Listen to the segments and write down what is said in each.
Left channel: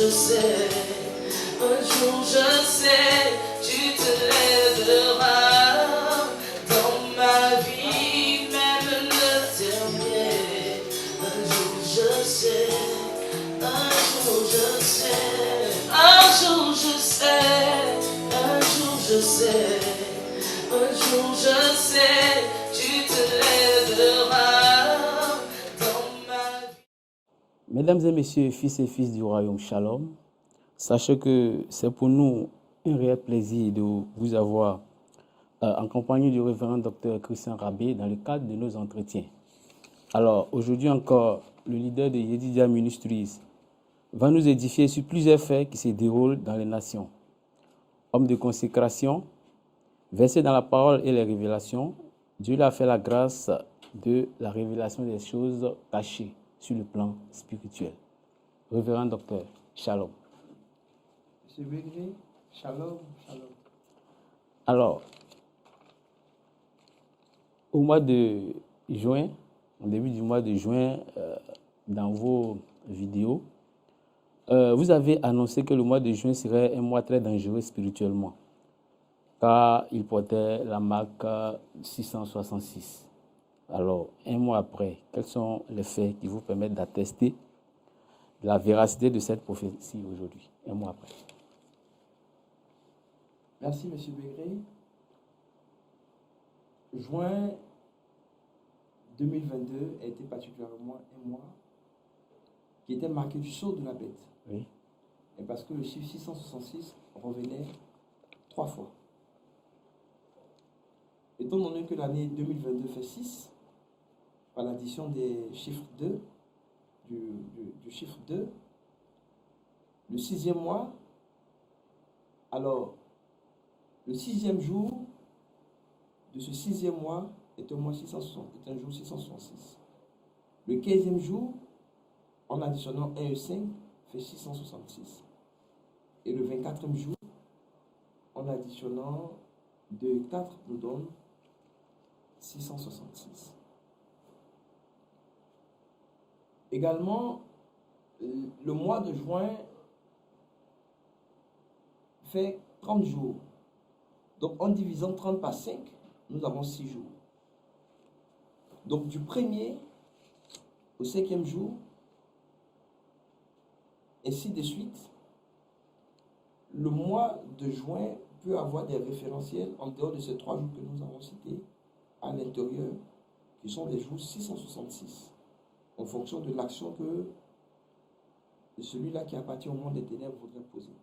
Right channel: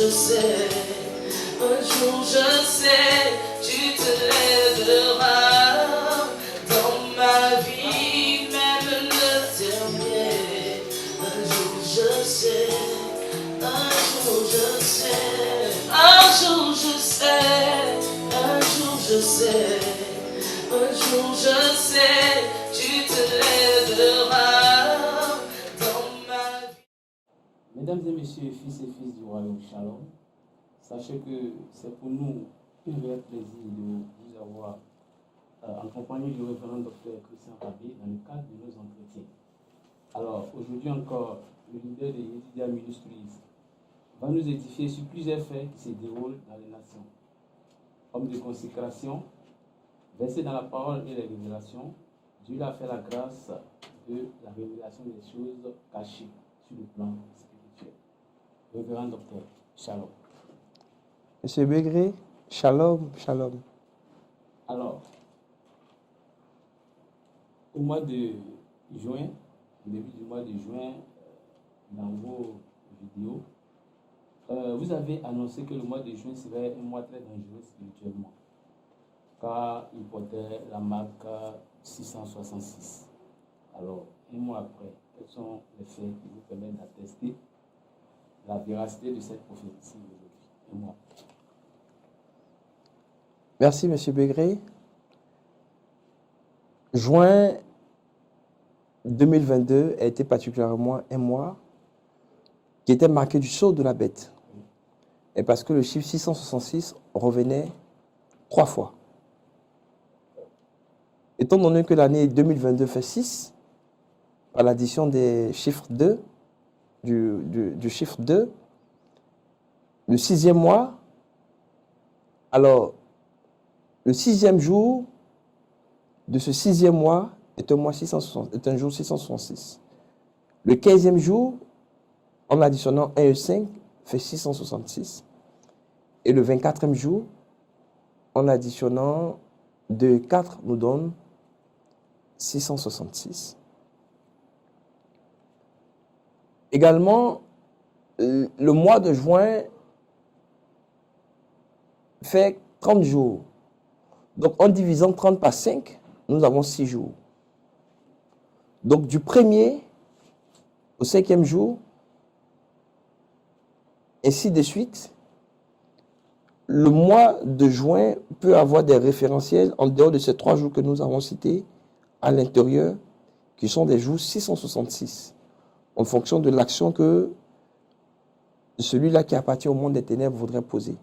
je sais, un jour je sais, tu te lèveras dans ma vie, même le dernier. Un jour je sais, un jour je sais, un jour je sais, un jour je sais, un jour je sais, tu te lèveras dans ma vie. Mesdames et messieurs, fils et filles du royaume Shalom, sachez que c'est pour nous un réel plaisir de vous avoir en compagnie du révérend docteur Christian Rabé dans le cadre de nos entretiens. Alors, aujourd'hui encore, le leader de Yedidia Ministries va nous édifier sur plusieurs faits qui se déroulent dans les nations. Homme de consécration, versé dans la parole et les révélations, Dieu lui a fait la grâce de la révélation des choses cachées sur le plan spirituel. Révérend docteur, Shalom. Monsieur Begré, Shalom, Shalom. Alors, au mois de juin, au début du mois de juin, dans vos vidéos, vous avez annoncé que le mois de juin serait un mois très dangereux spirituellement, car il portait la marque 666. Alors, un mois après, quels sont les faits qui vous permettent d'attester la véracité de cette prophétie aujourd'hui, un mois après? Merci, Monsieur Begré. Juin 2022 a été particulièrement un mois qui était marqué du sceau de la bête. Oui. Et parce que le chiffre 666 revenait 3 fois. Étant donné que l'année 2022 fait 6, par l'addition des chiffres 2, du chiffre 2, le 6e mois, alors le 6e jour de ce 6e mois est un jour 666. Le 15e jour, en additionnant 1 et 5, fait 666. Et le 24e jour, en additionnant 2 et 4, nous donne 666. Également, le mois de juin fait 30 jours. Donc, en divisant 30 par 5, nous avons 6 jours. Donc, du 1er au 5e jour, ainsi de suite, le mois de juin peut avoir des référentiels en dehors de ces 3 jours que nous avons cités à l'intérieur, qui sont des jours 666, en fonction de l'action que celui-là qui appartient au monde des ténèbres voudrait poser.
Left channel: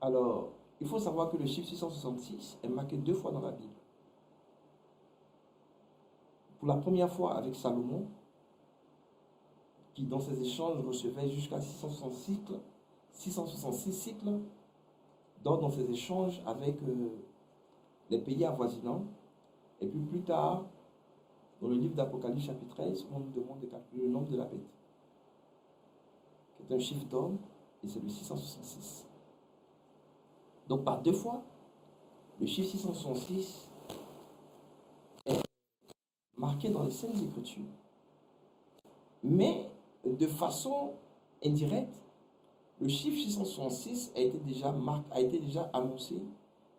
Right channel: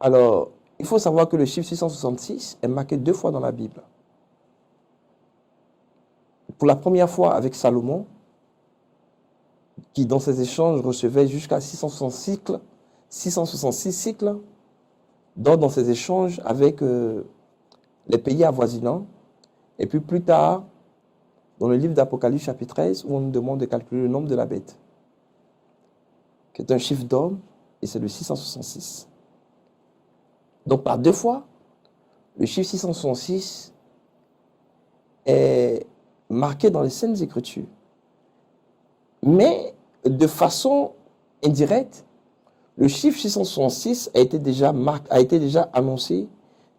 Alors, il faut savoir que le chiffre 666 est marqué 2 fois dans la Bible. Pour la première fois avec Salomon, qui dans ses échanges recevait jusqu'à 666 cycles, dans ses échanges avec les pays avoisinants. Et puis plus tard, dans le livre d'Apocalypse chapitre 13, où on nous demande de calculer le nombre de la bête, qui est un chiffre d'homme, et c'est le 666. Donc par 2 fois, le chiffre 666 est marqué dans les Saintes Écritures. Mais de façon indirecte, le chiffre 666 a été déjà annoncé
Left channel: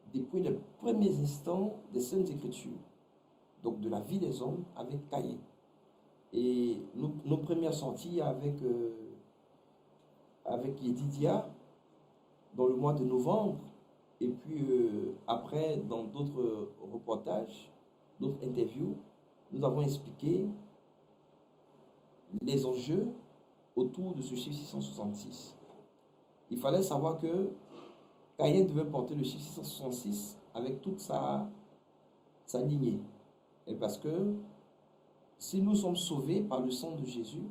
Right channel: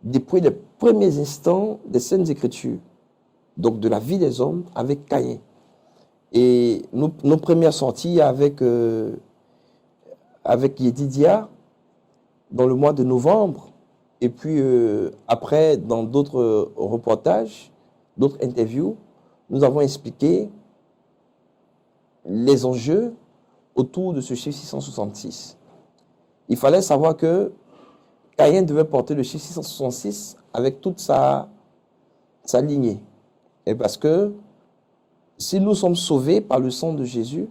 depuis les premiers instants des Saintes Écritures, donc de la vie des hommes avec Caïn. Et nos premières sorties avec Yedidia dans le mois de novembre, et puis après dans d'autres reportages, d'autres interviews, nous avons expliqué les enjeux autour de ce chiffre 666. Il fallait savoir que Caïn devait porter le chiffre 666 avec toute sa lignée. Et parce que si nous sommes sauvés par le sang de Jésus,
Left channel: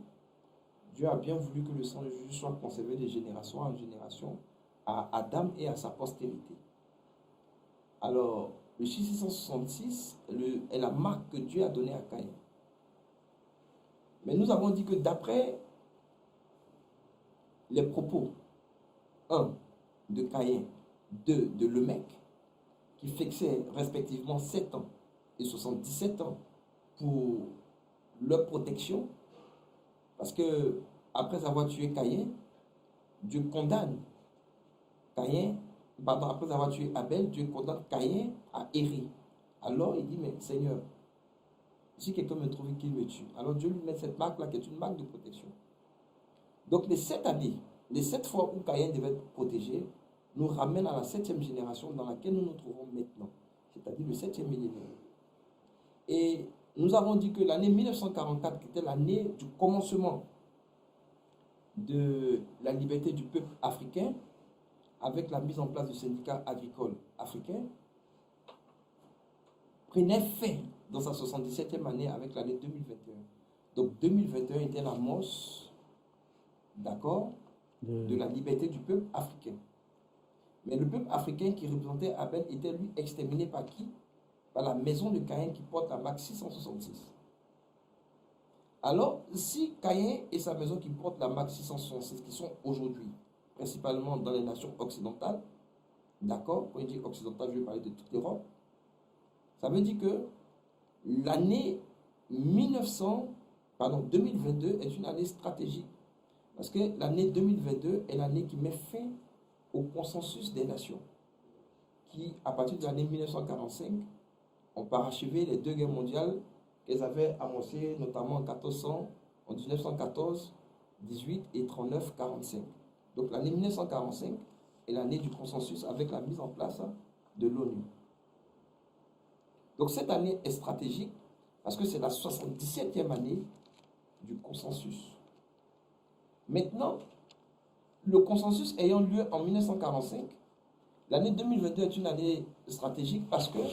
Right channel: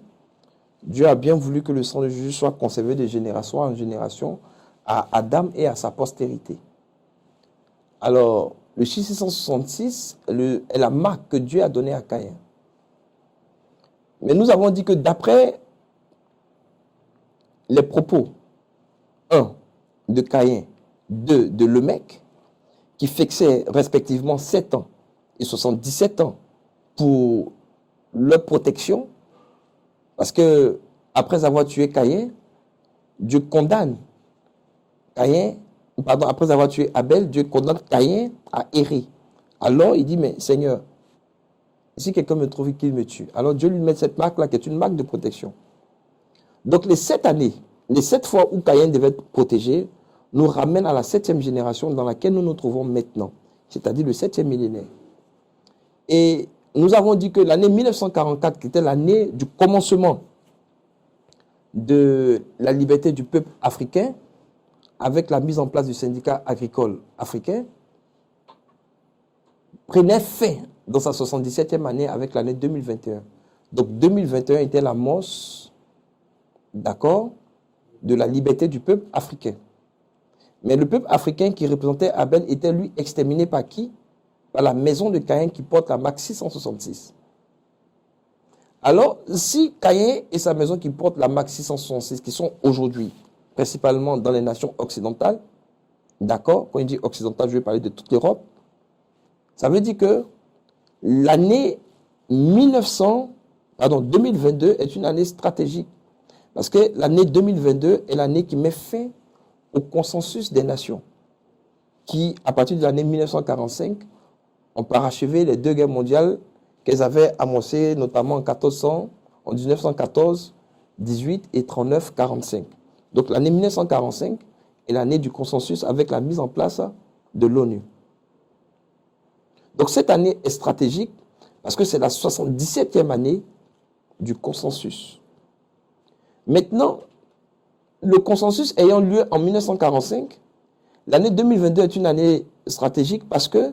Dieu a bien voulu que le sang de Jésus soit conservé de génération en génération à Adam et à sa postérité. Alors, le chiffre 666 est la marque que Dieu a donnée à Caïn. Mais nous avons dit que d'après les propos, 1 de Caïn, 2 de Lemec, qui fixaient respectivement 7 ans et 77 ans pour leur protection, parce que après avoir tué Caïn, Dieu condamne Caïn, pardon, après avoir tué Abel, Dieu condamne Caïn à errer. Alors il dit, mais Seigneur, si quelqu'un me trouve qu'il me tue, alors Dieu lui met cette marque-là qui est une marque de protection. Donc les 7 années, les 7 fois où Caïn devait être protégé, nous ramènent à la 7e génération dans laquelle nous nous trouvons maintenant, c'est-à-dire le 7e millénaire. Et nous avons dit que l'année 1944, qui était l'année du commencement de la liberté du peuple africain, avec la mise en place du syndicat agricole africain, prenait fin dans sa 77e année avec l'année 2021. Donc 2021 était l'amorce, d'accord, de la liberté du peuple africain. Mais le peuple africain qui représentait Abel était lui exterminé par qui? Par la maison de Caïn qui porte la marque 666. Alors, si Caïn et sa maison qui porte la marque 666, qui sont aujourd'hui principalement dans les nations occidentales, d'accord, quand je dis occidentale, je vais parler de toute l'Europe, ça veut dire que l'année 2022 est une année stratégique. Parce que l'année 2022 est l'année qui met fin au consensus des nations, qui, à partir de l'année 1945, ont parachevé les 2 guerres mondiales qu'elles avaient amorcées, notamment en 1914, 18 et 39, 45. Donc l'année 1945 est l'année du consensus avec la mise en place de l'ONU. Donc cette année est stratégique parce que c'est la 77e année du consensus. Maintenant, le consensus ayant lieu en 1945, l'année 2022 est une année stratégique parce que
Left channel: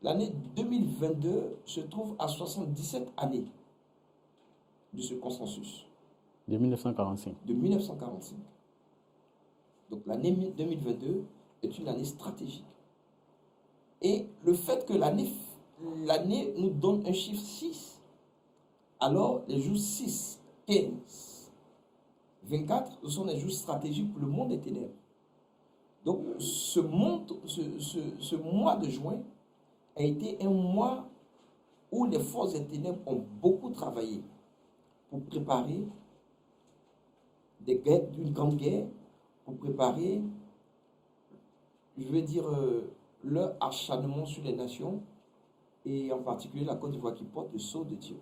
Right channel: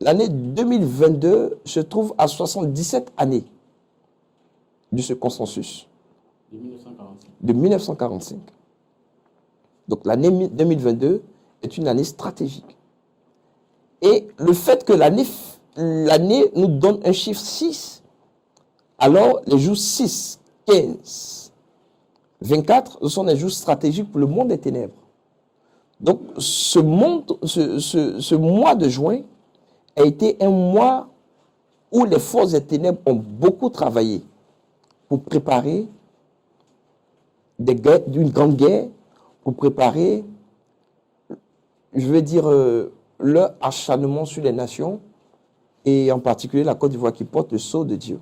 l'année 2022 se trouve à 77 années de ce consensus. De 1945. De 1945. Donc l'année 2022 est une année stratégique. Et le fait que l'année nous donne un chiffre 6, alors les jours 6, 15, 24, ce sont des jours stratégiques pour le monde des ténèbres. Donc ce mois de juin a été un mois où les forces des ténèbres ont beaucoup travaillé pour préparer une grande guerre, pour préparer, je veux dire, leur acharnement sur les nations, et en particulier la Côte d'Ivoire qui porte le sceau de Dieu.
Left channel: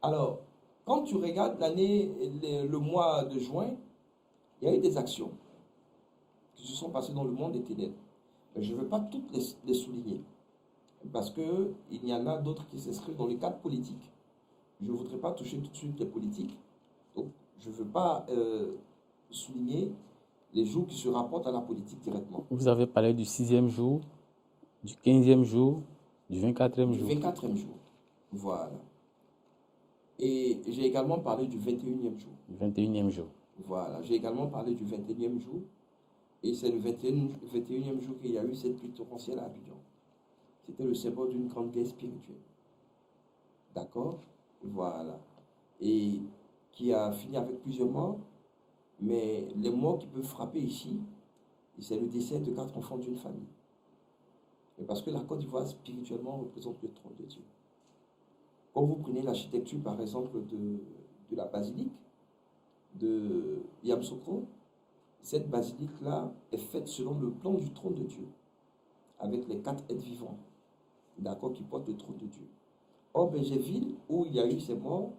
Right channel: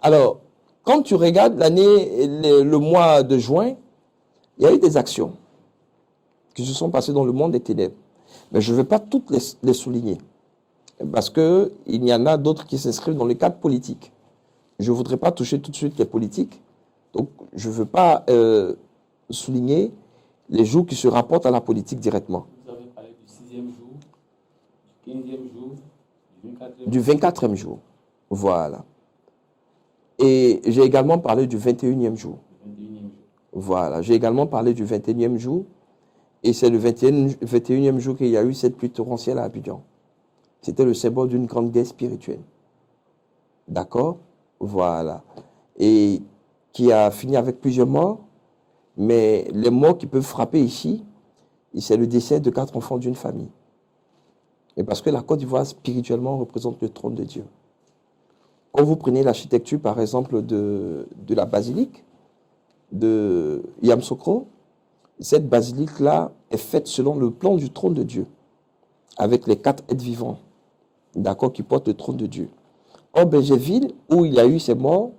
Alors, quand tu regardes le mois de juin, il y a eu des actions qui se sont passées dans le monde des ténèbres. Mais je ne vais pas toutes les souligner, parce qu'il y en a d'autres qui s'inscrivent dans le cadre politique. Je ne voudrais pas toucher tout de suite les politiques, donc je ne veux pas souligner les jours qui se rapportent à la politique directement. Vous avez parlé du 6e jour, du 15e jour, du 24e jour. Du 24e jour, voilà. Et j'ai également parlé du 21e jour. Du 21e jour. Voilà, j'ai également parlé du 21e jour. Et c'est le 21e jour qu'il y a eu cette pluie torrentielle à Abidjan. C'était le symbole d'une grande guerre spirituelle. D'accord? Voilà. Et qui a fini avec plusieurs morts. Mais les morts qui peuvent frapper ici, c'est le décès de 4 enfants d'une famille. Et parce que la Côte d'Ivoire, spirituellement, représente le trône de Dieu. Quand vous prenez l'architecture, par exemple, de la basilique de Yamoussoukro, cette basilique-là est faite selon le plan du trône de Dieu, avec les 4 êtres vivants, d'accord, qui portent le trône de Dieu. En Bégerville, où il y a eu ces morts,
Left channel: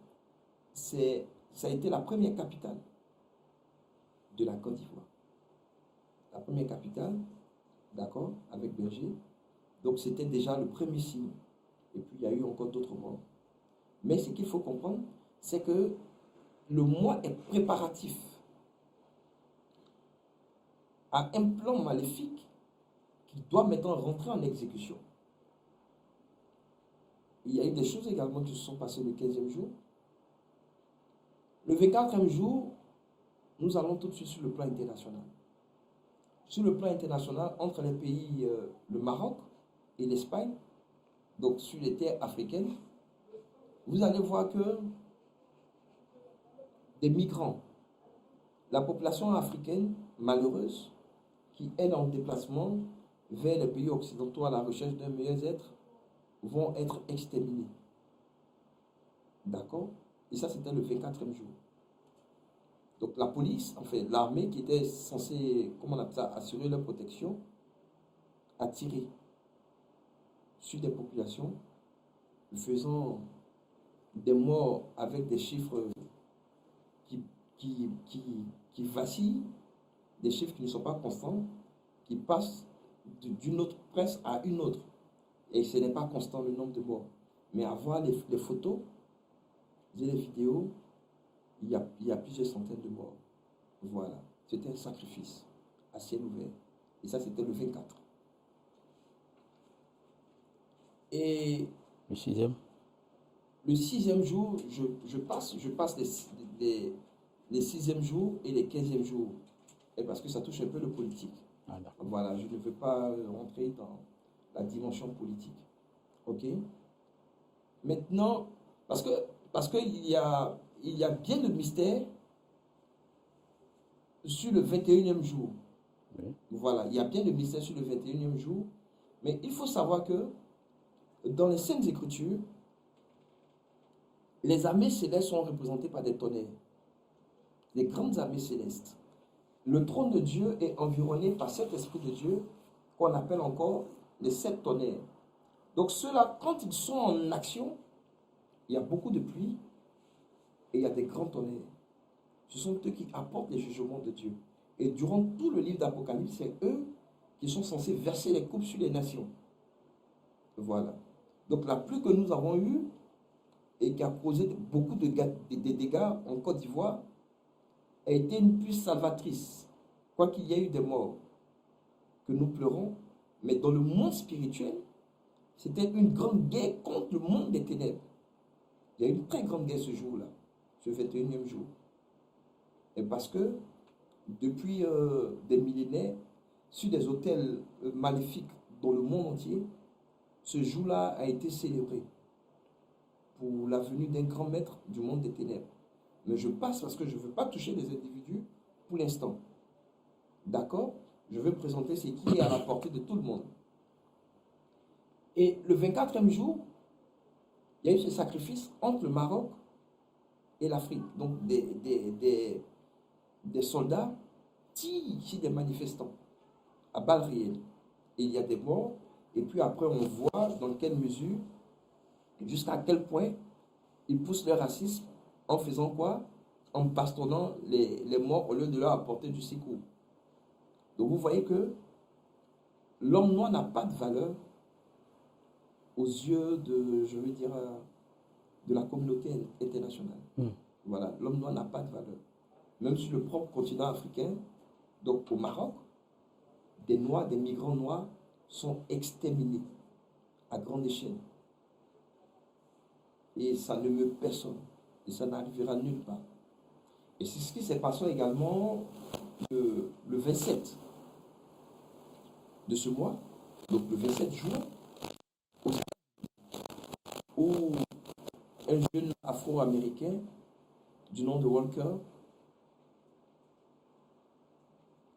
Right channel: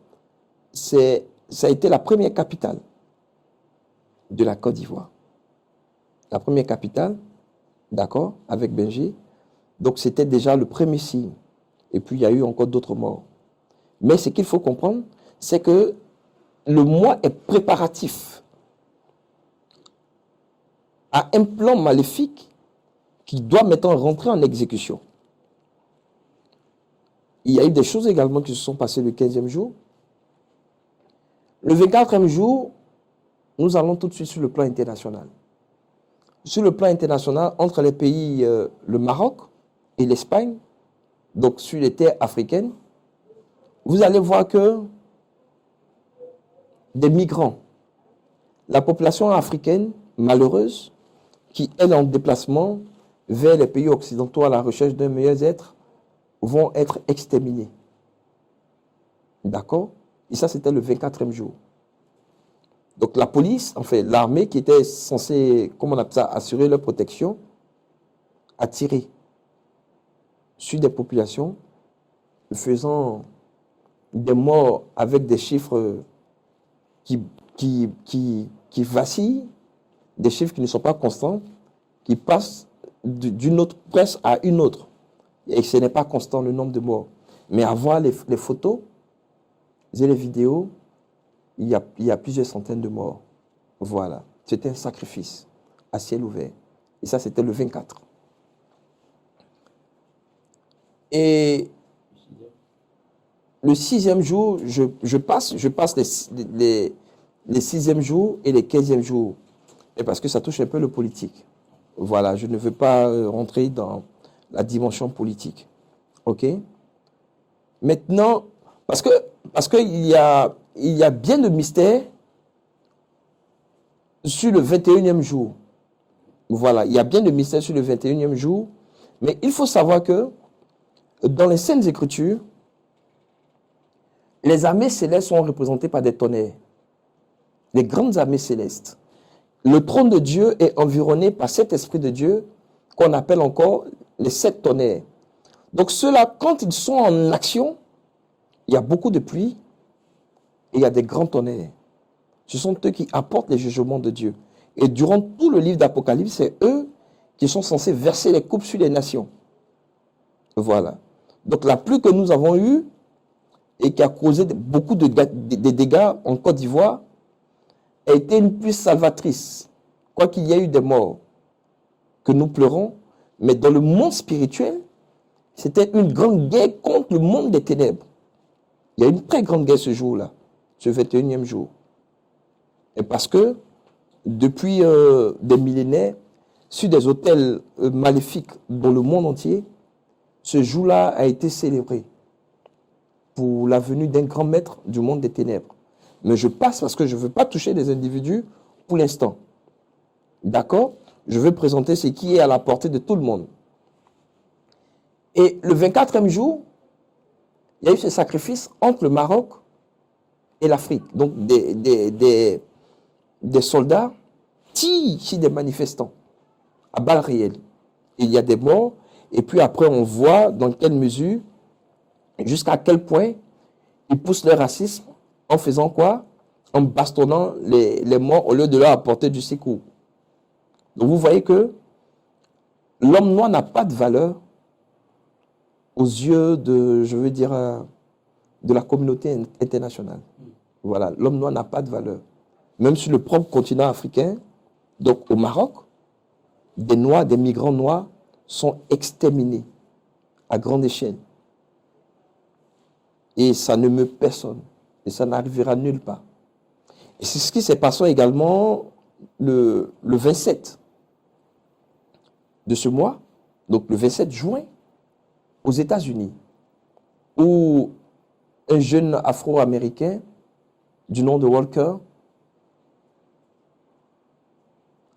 ça a été la première capitale de la Côte d'Ivoire. La première capitale, d'accord, avec Béger. Donc c'était déjà le premier signe. Et puis il y a eu encore d'autres morts. Mais ce qu'il faut comprendre, c'est que le mois est préparatif à un plan maléfique qui doit maintenant rentrer en exécution. Il y a eu des choses également qui se sont passées le 15e jour. Le 24e jour, nous allons tout de suite sur le plan international. Sur le plan international, entre les pays, le Maroc et l'Espagne, donc sur les terres africaines, vous allez voir que des migrants, la population africaine malheureuse, qui est en déplacement vers les pays occidentaux à la recherche d'un meilleur être, vont être exterminés. D'accord? Et ça, c'était le 24e jour. Donc la police, en fait, l'armée qui était censée, comment on appelle ça, assurer leur protection, a tiré sur des populations, faisant des morts avec des chiffres qui, qui vacillent, des chiffres qui ne sont pas constants, qui passent d'une autre presse à une autre. Et ce n'est pas constant le nombre de morts. Mais à voir les photos et les vidéos, il y a plusieurs centaines de morts. Voilà. C'était un sacrifice à ciel ouvert. Et ça, c'était le 24. Et Le sixième. le sixième jour, je passe les sixièmes jours et les 15e jours. Et parce que ça touche un peu le politique. Voilà, je ne veux pas rentrer dans la dimension politique. OK? Maintenant, parce que il y a bien de mystère sur le 21e jour. Voilà, il y a bien de mystère sur le 21e jour. Mais il faut savoir que dans les Saintes Écritures, les armées célestes sont représentées par des tonnerres. Les grandes armées célestes. Le trône de Dieu est environné par cet esprit de Dieu qu'on appelle encore les 7 tonnerres. Donc ceux-là, quand ils sont en action, il y a beaucoup de pluie et il y a des grands tonnerres. Ce sont eux qui apportent les jugements de Dieu. Et durant tout le livre d'Apocalypse, c'est eux qui sont censés verser les coupes sur les nations. Voilà. Donc la pluie que nous avons eue et qui a causé beaucoup de dégâts en Côte d'Ivoire a été une pluie salvatrice. Quoi qu'il y ait eu des morts que nous pleurons, mais dans le monde spirituel, c'était une grande guerre contre le monde des ténèbres. Il y a une très grande guerre ce jour-là, ce 21e jour. Et parce que depuis des millénaires, sur des autels maléfiques dans le monde entier, ce jour-là a été célébré pour la venue d'un grand maître du monde des ténèbres. Mais je passe parce que je ne veux pas toucher des individus pour l'instant. D'accord? Je veux présenter ce qui est à la portée de tout le monde. Et le 24e jour, il y a eu ce sacrifice entre le Maroc et l'Afrique. Donc des soldats tirent sur des manifestants à balles réelles. Il y a des morts. Et puis après, on voit dans quelle mesure, jusqu'à quel point ils poussent le racisme en faisant quoi? En bastonnant les morts au lieu de leur apporter du secours. Donc vous voyez que l'homme noir n'a pas de valeur aux yeux de, je veux dire, de la communauté internationale. Voilà, l'homme noir n'a pas de valeur. Même sur le propre continent africain, donc au Maroc, des noirs, des migrants noirs sont exterminés à grande échelle. Et ça ne meut personne. Et ça n'arrivera nulle part. Et c'est ce qui s'est passé également le 27 de ce mois, donc le 27 juin, aux États-Unis, où un jeune afro-américain du nom de Walker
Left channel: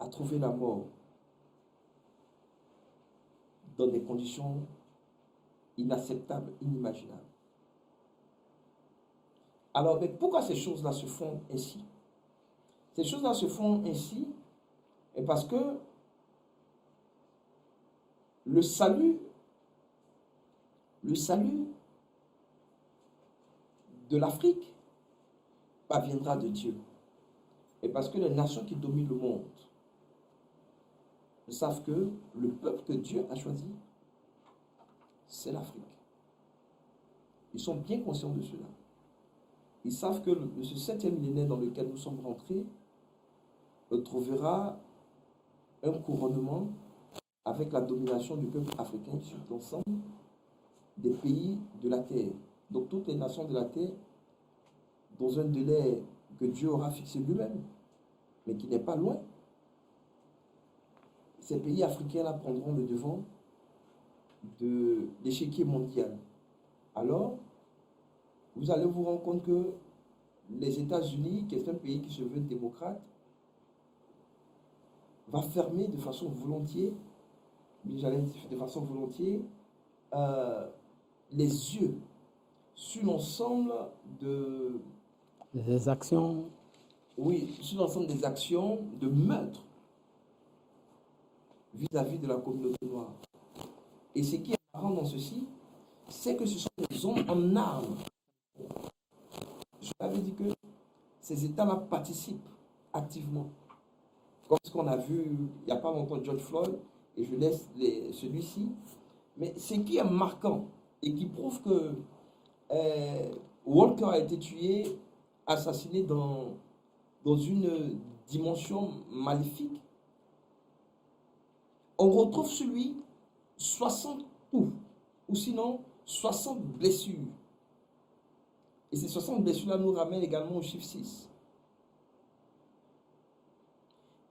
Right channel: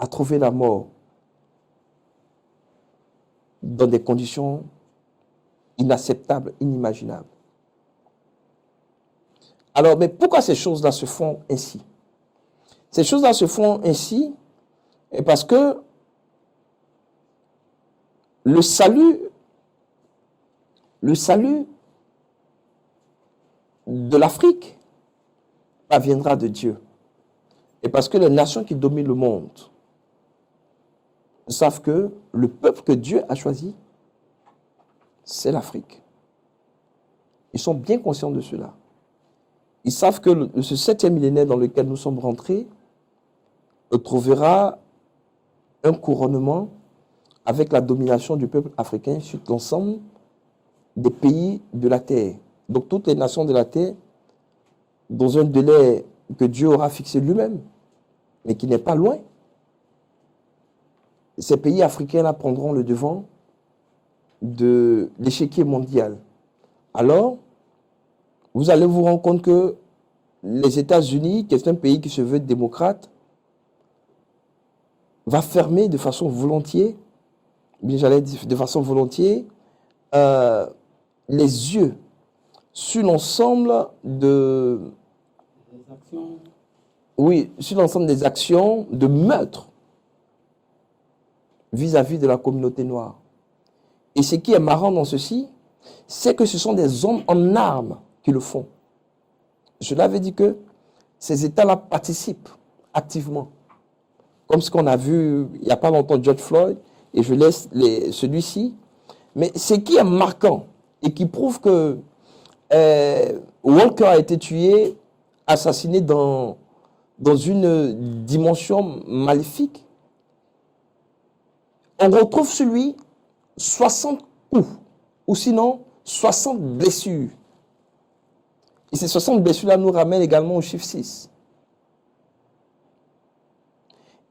a trouvé la mort dans des conditions inacceptables, inimaginables. Alors, mais pourquoi ces choses-là se font ainsi? Ces choses-là se font ainsi parce que le salut de l'Afrique viendra de Dieu. Et parce que les nations qui dominent le monde savent que le peuple que Dieu a choisi, c'est l'Afrique. Ils sont bien conscients de cela. Ils savent que ce 7e millénaire dans lequel nous sommes rentrés trouvera un couronnement avec la domination du peuple africain sur l'ensemble des pays de la terre. Donc toutes les nations de la terre, dans un délai que Dieu aura fixé lui-même, mais qui n'est pas loin, ces pays africains-là prendront le devant de l'échiquier mondial. Alors, vous allez vous rendre compte que les États-Unis, qui est un pays qui se veut démocrate, va fermer de façon volontiers, les yeux sur l'ensemble des actions oui, sur l'ensemble des actions de meurtre vis-à-vis de la communauté noire. Et ce qui est marrant dans ceci, c'est que ce sont des hommes en armes qui le font. Je l'avais dit que ces États-là participent activement. Comme ce qu'on a vu il n'y a pas longtemps, George Floyd, et je laisse celui-ci. Mais ce qui est marquant et qui prouve que Walker a été tué, assassiné dans une dimension maléfique, on retrouve sur lui 60 coups, ou sinon 60 blessures. Et ces 60 blessures-là nous ramènent également au chiffre 6.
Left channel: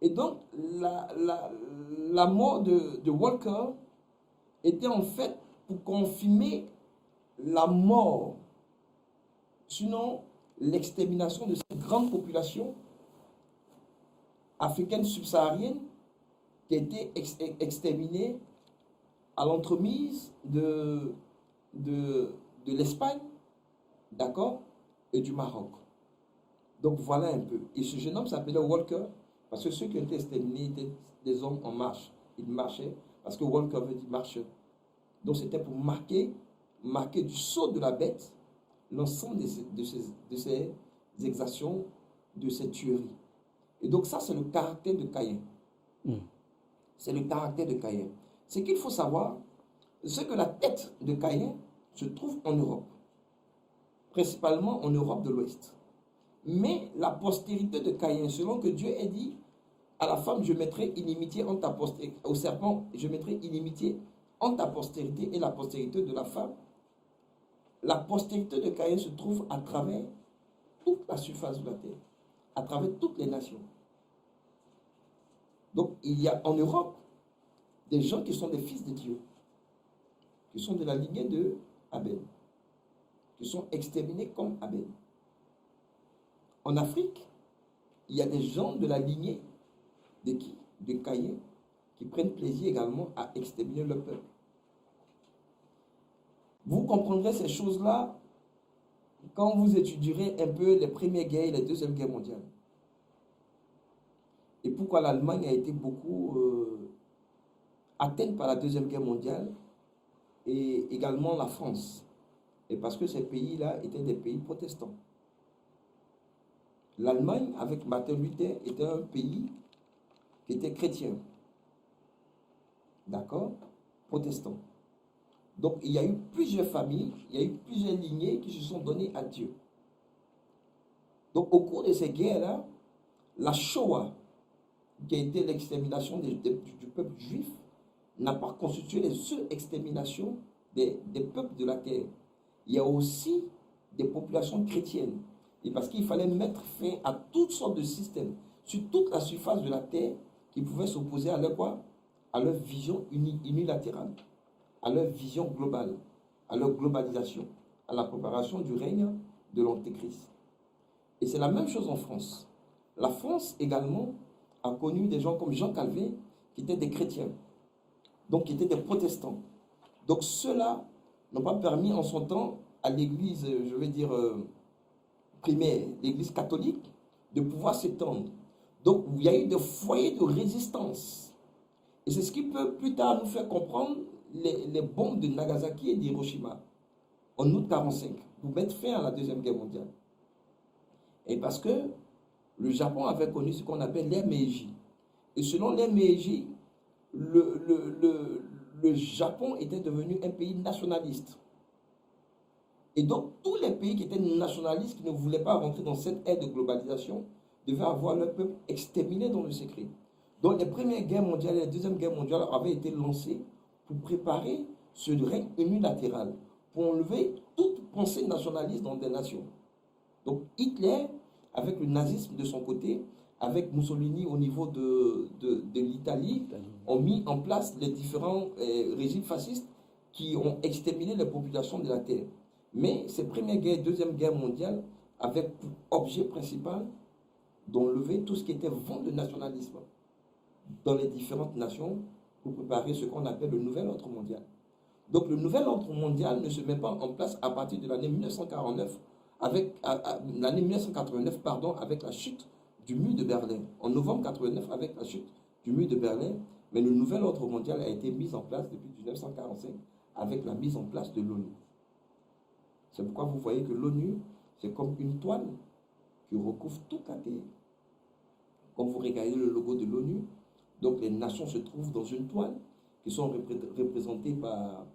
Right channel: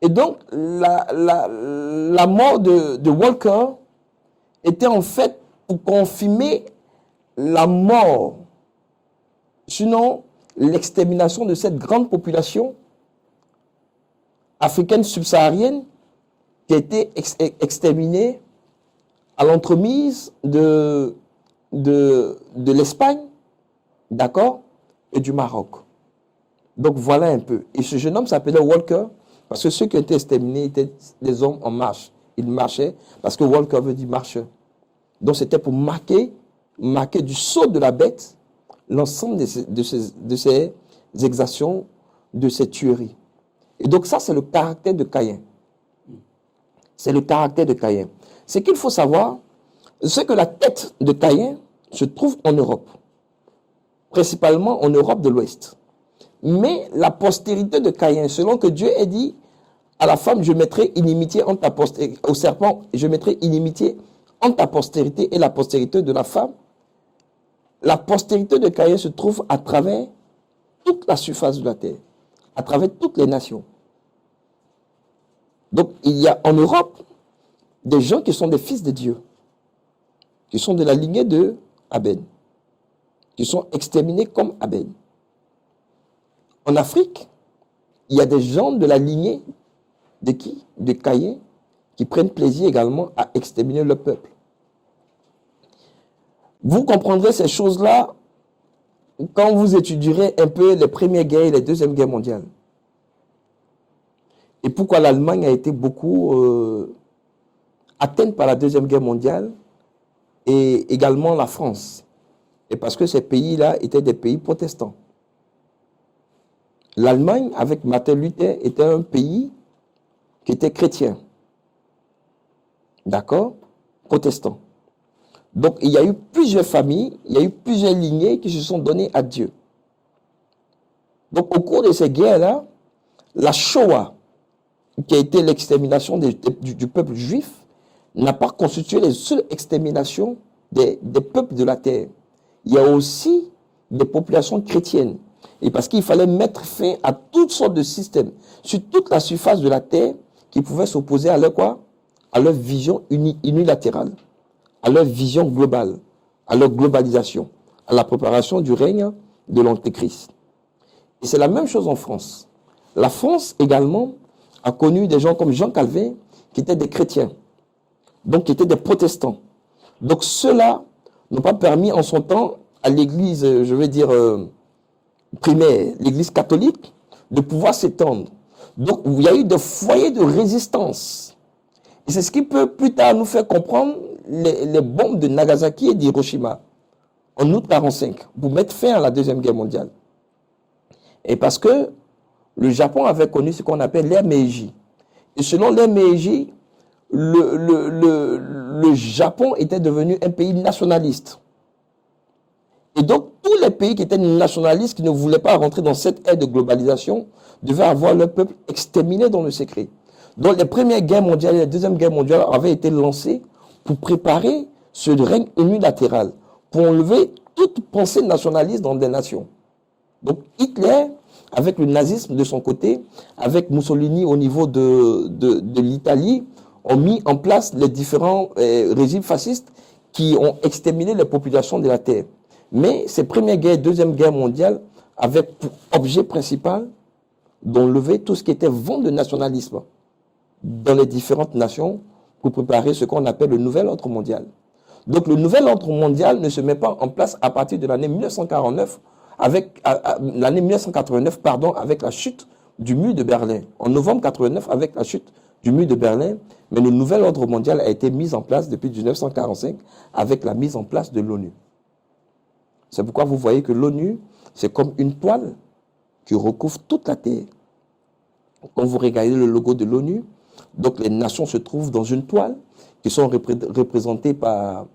Et donc, la mort de Walker était en fait pour confirmer la mort, sinon l'extermination de cette grande population africaine subsaharienne qui a été exterminée à l'entremise de l'Espagne, d'accord, et du Maroc. Donc voilà un peu. Et ce jeune homme s'appelait Walker parce que ceux qui étaient exterminés étaient des hommes en marche. Ils marchaient parce que Walker veut dire marcheur. Donc c'était pour marquer du sceau de la bête l'ensemble de ces exactions, de ces tueries. Et donc ça, c'est le caractère de Caïn. C'est le caractère de Caïn. Ce qu'il faut savoir, c'est que la tête de Caïn se trouve en Europe, principalement en Europe de l'Ouest. Mais la postérité de Caïn, selon que Dieu ait dit à la femme, je mettrai inimitié entre ta postérité, au serpent, je mettrai inimitié entre ta postérité et la postérité de la femme, la postérité de Caïn se trouve à travers toute la surface de la terre, à travers toutes les nations. Donc, il y a en Europe des gens qui sont des fils de Dieu, qui sont de la lignée de Abel, qui sont exterminés comme Abel. En Afrique, il y a des gens de la lignée de qui? De Caïn, qui prennent plaisir également à exterminer le peuple. Vous comprendrez ces choses-là quand vous étudierez un peu les premières guerres et les deuxièmes guerres mondiales. Et pourquoi l'Allemagne a été beaucoup atteinte par la Deuxième Guerre mondiale et également la France. Et parce que ces pays-là étaient des pays protestants. L'Allemagne, avec Martin Luther, était un pays qui était chrétien. D'accord? Protestant. Donc, il y a eu plusieurs familles, il y a eu plusieurs lignées qui se sont données à Dieu. Donc, au cours de ces guerres-là, la Shoah, qui a été l'extermination du peuple juif, n'a pas constitué les seules exterminations des peuples de la terre. Il y a aussi des populations chrétiennes. Et parce qu'il fallait mettre fin à toutes sortes de systèmes sur toute la surface de la terre qui pouvaient s'opposer à leur quoi? À leur vision unilatérale, à leur vision globale, à leur globalisation, à la préparation du règne de l'Antéchrist. Et c'est la même chose en France. La France également a connu des gens comme Jean Calvin qui étaient des chrétiens, donc qui étaient des protestants. Donc ceux-là n'ont pas permis en son temps à l'église, je vais dire, primaire, l'église catholique, de pouvoir s'étendre. Donc il y a eu des foyers de résistance. Et c'est ce qui peut plus tard nous faire comprendre les bombes de Nagasaki et d'Hiroshima en août 1945 pour mettre fin à la Deuxième Guerre mondiale. Et parce que le Japon avait connu ce qu'on appelle l'ère Meiji. Et selon l'ère Meiji, le Japon était devenu un pays nationaliste. Et donc, tous les pays qui étaient nationalistes, qui ne voulaient pas rentrer dans cette ère de globalisation, devaient avoir leur peuple exterminé dans le secret. Donc, les premières guerres mondiales et les deuxièmes guerres mondiales avaient été lancées pour préparer ce règne unilatéral, pour enlever toute pensée nationaliste dans des nations. Donc, Hitler, avec le nazisme de son côté, avec Mussolini au niveau de l'Italie, ont mis en place les différents régimes fascistes qui ont exterminé les populations de la Terre. Mais ces premières guerres et deuxième guerre mondiale avaient pour objet principal d'enlever tout ce qui était vent de nationalisme dans les différentes nations pour préparer ce qu'on appelle le nouvel ordre mondial. Donc le nouvel ordre mondial ne se met pas en place à partir de l'année 1949, avec l'année 1989, pardon, avec la chute du mur de Berlin. En novembre 89, avec la chute du mur de Berlin, mais le nouvel ordre mondial a été mis en place depuis 1945 avec la mise en place de l'ONU. C'est pourquoi vous voyez que l'ONU, c'est comme une toile qui recouvre toute la Terre. Quand vous regardez le logo de l'ONU, donc les nations se trouvent dans une toile qui sont représentées par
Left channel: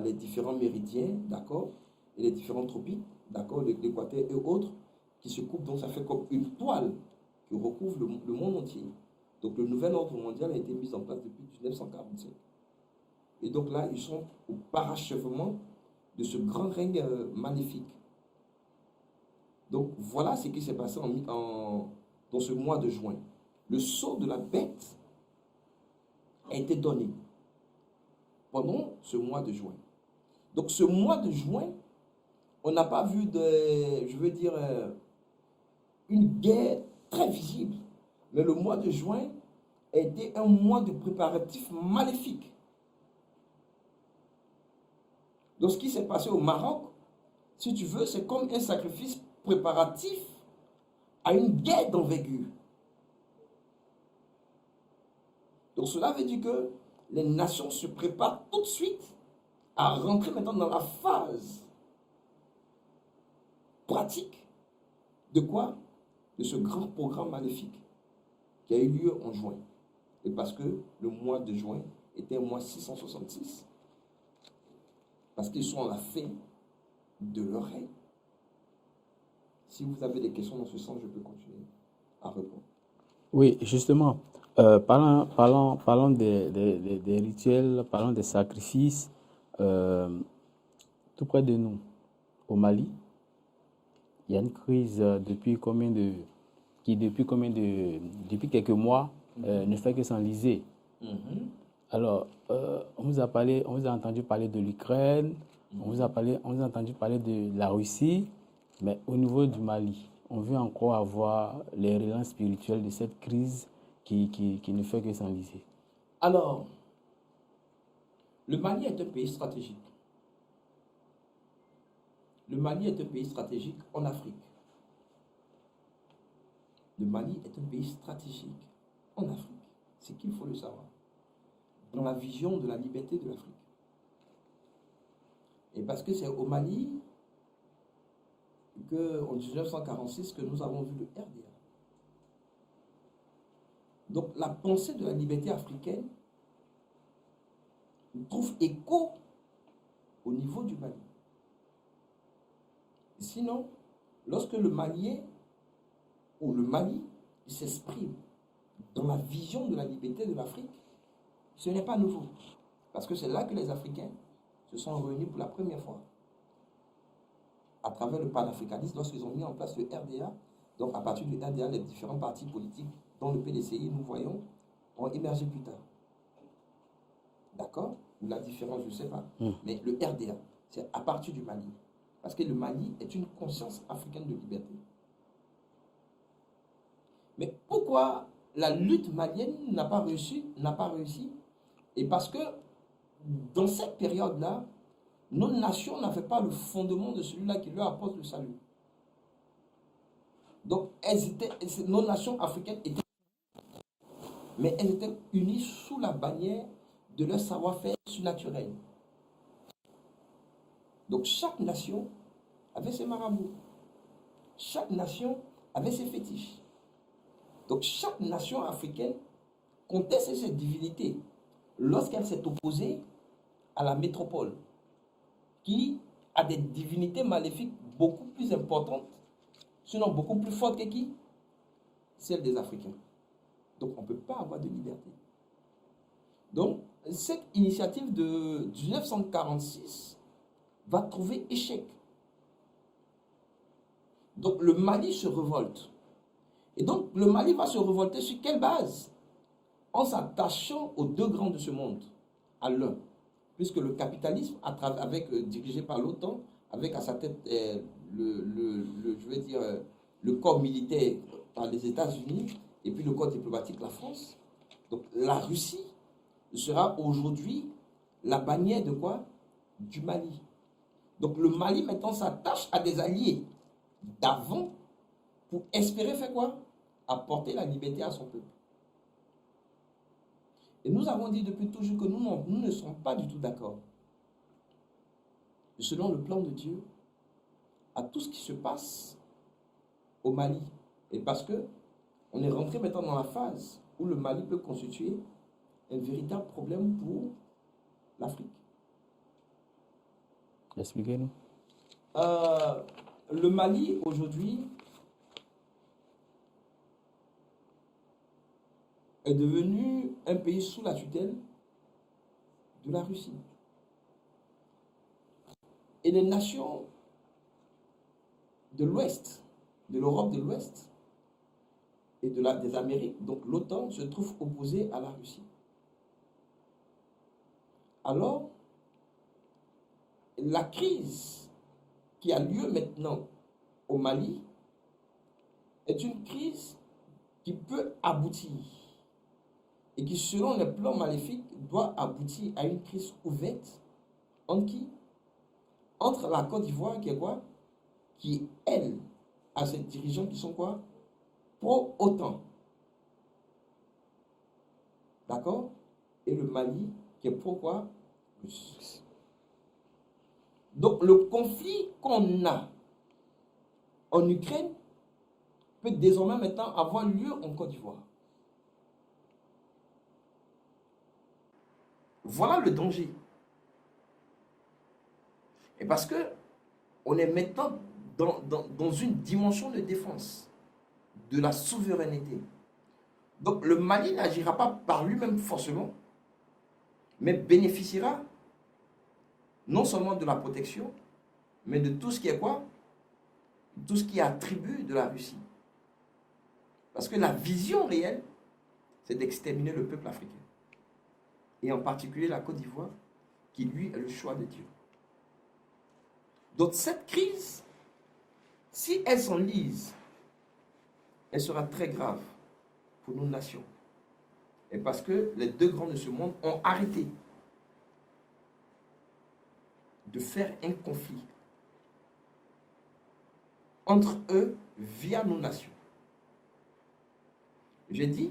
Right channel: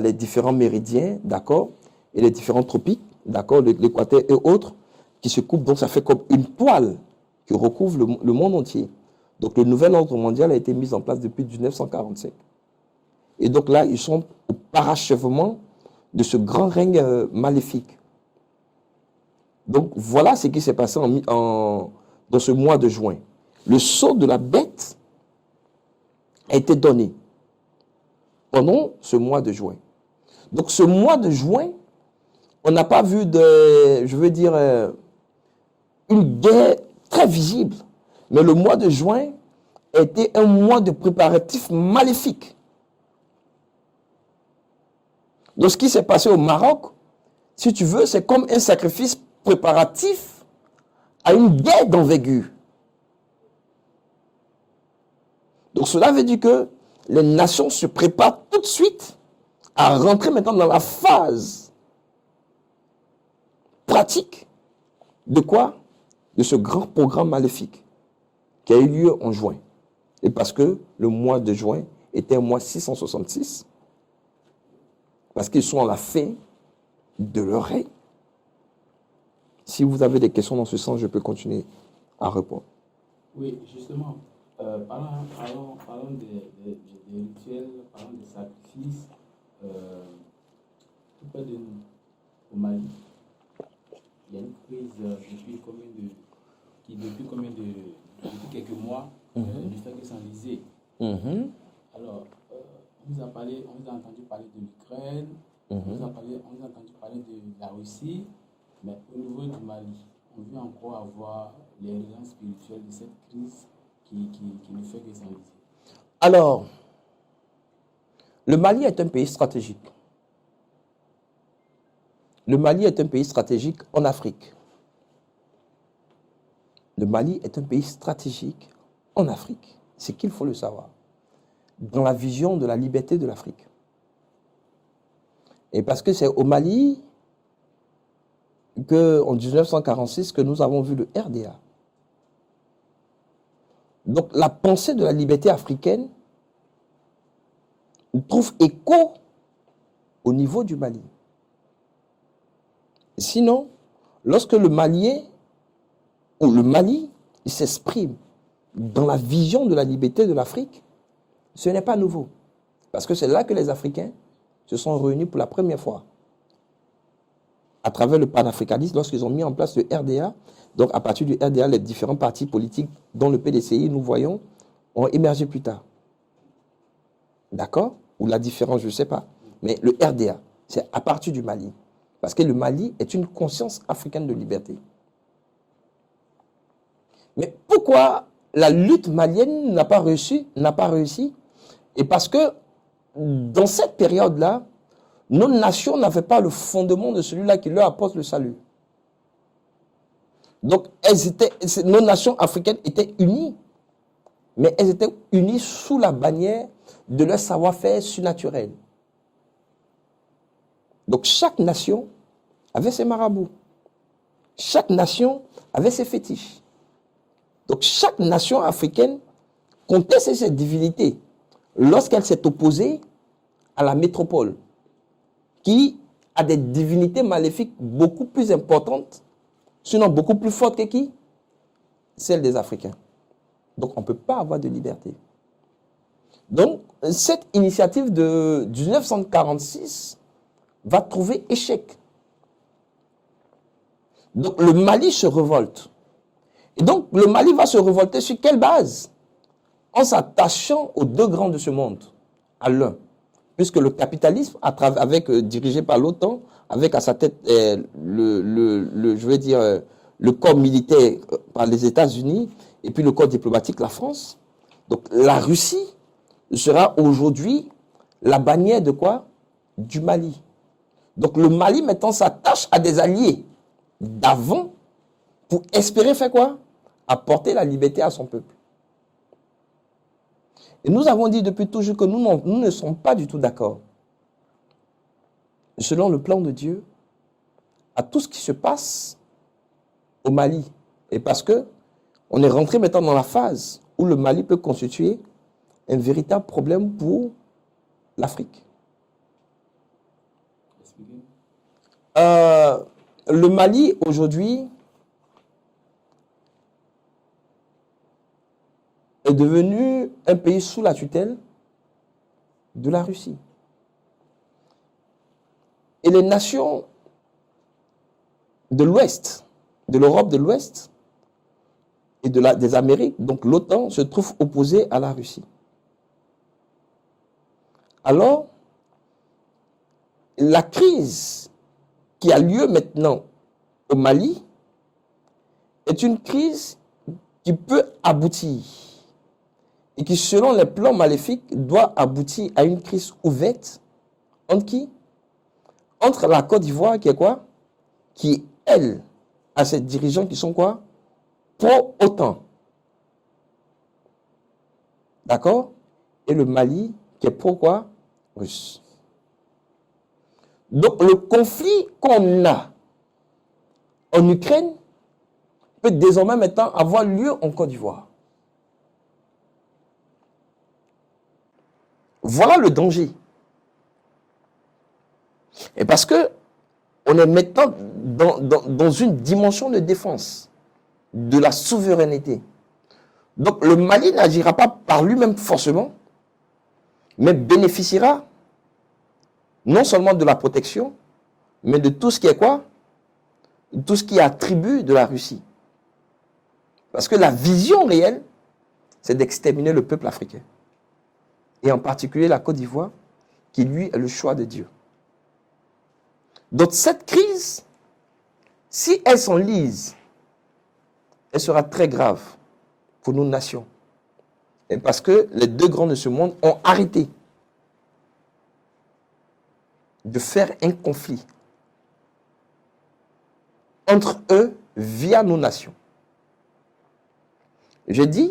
les différents méridiens, d'accord, et les différents tropiques, d'accord, l'équateur et autres, qui se coupent. Donc ça fait comme une toile qui recouvre le monde entier. Donc le nouvel ordre mondial a été mis en place depuis 1945. Et donc là, ils sont au parachèvement de ce grand règne maléfique. Donc voilà ce qui s'est passé dans ce mois de juin. Le sceau de la bête a été donné pendant ce mois de juin. Donc ce mois de juin, on n'a pas vu une guerre très visible. Mais le mois de juin a été un mois de préparatifs maléfiques. Donc ce qui s'est passé au Maroc, si tu veux, c'est comme un sacrifice préparatif à une guerre d'envergure. Donc cela veut dire que les nations se préparent tout de suite à rentrer maintenant dans la phase pratique de quoi? De ce grand programme maléfique qui a eu lieu en juin. Et parce que le mois de juin était un mois 666, parce qu'ils sont à la fin de leur règne. Si vous avez des questions dans ce sens, je peux continuer à répondre. Oui, justement, parlons des rituels, parlons des sacrifices. Tout près de nous, au Mali, il y a une crise depuis quelques mois ne fait que s'enliser. Alors, on vous a entendu parler de l'Ukraine, on vous a entendu parler de la Russie, mais au niveau du Mali, on veut encore avoir les relances spirituelles de cette crise qui ne fait que s'enliser. Alors, le Mali est un pays stratégique. Le Mali est un pays stratégique en Afrique. Le Mali est un pays stratégique en Afrique. C'est qu'il faut le savoir. Dans la vision de la liberté de l'Afrique. Et parce que c'est au Mali qu'en 1946 que nous avons vu le RDA. Donc la pensée de la liberté africaine trouve écho au niveau du Mali. Sinon, lorsque le Malien ou le Mali s'exprime dans la vision de la liberté de l'Afrique, ce n'est pas nouveau. Parce que c'est là que les Africains se sont réunis pour la première fois. À travers le panafricanisme, lorsqu'ils ont mis en place le RDA, donc à partir du RDA, les différents partis politiques, dont le PDCI, nous voyons, ont émergé plus tard. D'accord? Ou la différence, je ne sais pas. Mais le RDA, c'est à partir du Mali. Parce que le Mali est une conscience africaine de liberté. Mais pourquoi la lutte malienne n'a pas réussi? Et parce que dans cette période-là, nos nations n'avaient pas le fondement de celui-là qui leur apporte le salut. Donc, nos nations africaines étaient unies, mais elles étaient unies sous la bannière de leur savoir-faire surnaturel. Donc, chaque nation avait ses marabouts. Chaque nation avait ses fétiches. Donc, chaque nation africaine comptait ses divinités lorsqu'elle s'est opposée à la métropole, qui a des divinités maléfiques beaucoup plus importantes, sinon beaucoup plus fortes que qui? Celles des Africains. Donc, on ne peut pas avoir de liberté. Donc, cette initiative de 1946 va trouver échec. Donc, le Mali se révolte. Et donc, le Mali va se révolter sur quelle base? En s'attachant aux deux grands de ce monde, à l'un. Puisque le capitalisme, dirigé par l'OTAN, avec à sa tête le corps militaire par les États-Unis, et puis le corps diplomatique, la France. Donc, la Russie sera aujourd'hui la bannière de quoi? Du Mali. Donc, le Mali, maintenant, s'attache à des alliés d'avant pour espérer faire quoi? apporter la liberté à son peuple. Et nous avons dit depuis toujours que nous ne sommes pas du tout d'accord, selon le plan de Dieu, à tout ce qui se passe au Mali. Et parce que on est rentré maintenant dans la phase où le Mali peut constituer un véritable problème pour l'Afrique. Expliquez-nous. Le Mali, aujourd'hui, est devenu un pays sous la tutelle de la Russie. Et les nations de l'Ouest, de l'Europe de l'Ouest et des Amériques, donc l'OTAN, se trouvent opposées à la Russie. Alors, la crise qui a lieu maintenant au Mali est une crise qui peut aboutir et qui, selon les plans maléfiques, doit aboutir à une crise ouverte entre qui? Entre la Côte d'Ivoire, qui est quoi? Qui, elle, a ses dirigeants qui sont quoi? Pro-OTAN. D'accord? Et le Mali, qui est pro-quoi? Russe. Donc, le conflit qu'on a en Ukraine peut désormais maintenant avoir lieu en Côte d'Ivoire. Voilà le danger. Et parce que on est maintenant dans une dimension de défense de la souveraineté. Donc le Mali n'agira pas par lui-même forcément, mais bénéficiera non seulement de la protection, mais de tout ce qui est quoi? Tout ce qui est attribut de la Russie. Parce que la vision réelle, c'est d'exterminer le peuple africain. Et en particulier la Côte d'Ivoire, qui lui est le choix de Dieu. Donc cette crise, si elle s'enlise, elle sera très grave pour nos nations. Et parce que les deux grands de ce monde ont arrêté de faire un conflit entre eux via nos nations. Je dis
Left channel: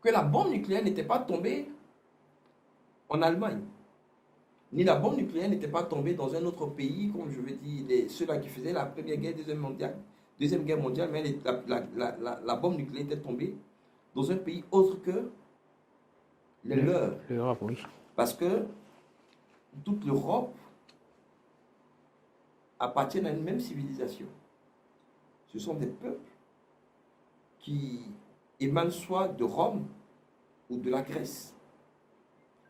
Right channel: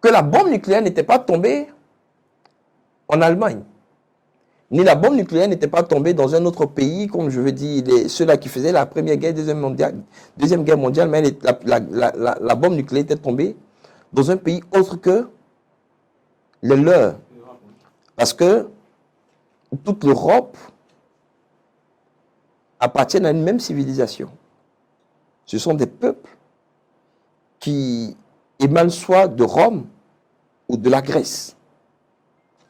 que la bombe nucléaire n'était pas tombée en Allemagne, ni la bombe nucléaire n'était pas tombée dans un autre pays, comme je veux dire, ceux-là qui faisaient la Première Guerre, Deuxième Guerre mondiale, mais la bombe nucléaire était tombée dans un pays autre que les leurs. Parce que toute l'Europe appartient à une même civilisation. Ce sont des peuples qui émanent soit de Rome ou de la Grèce,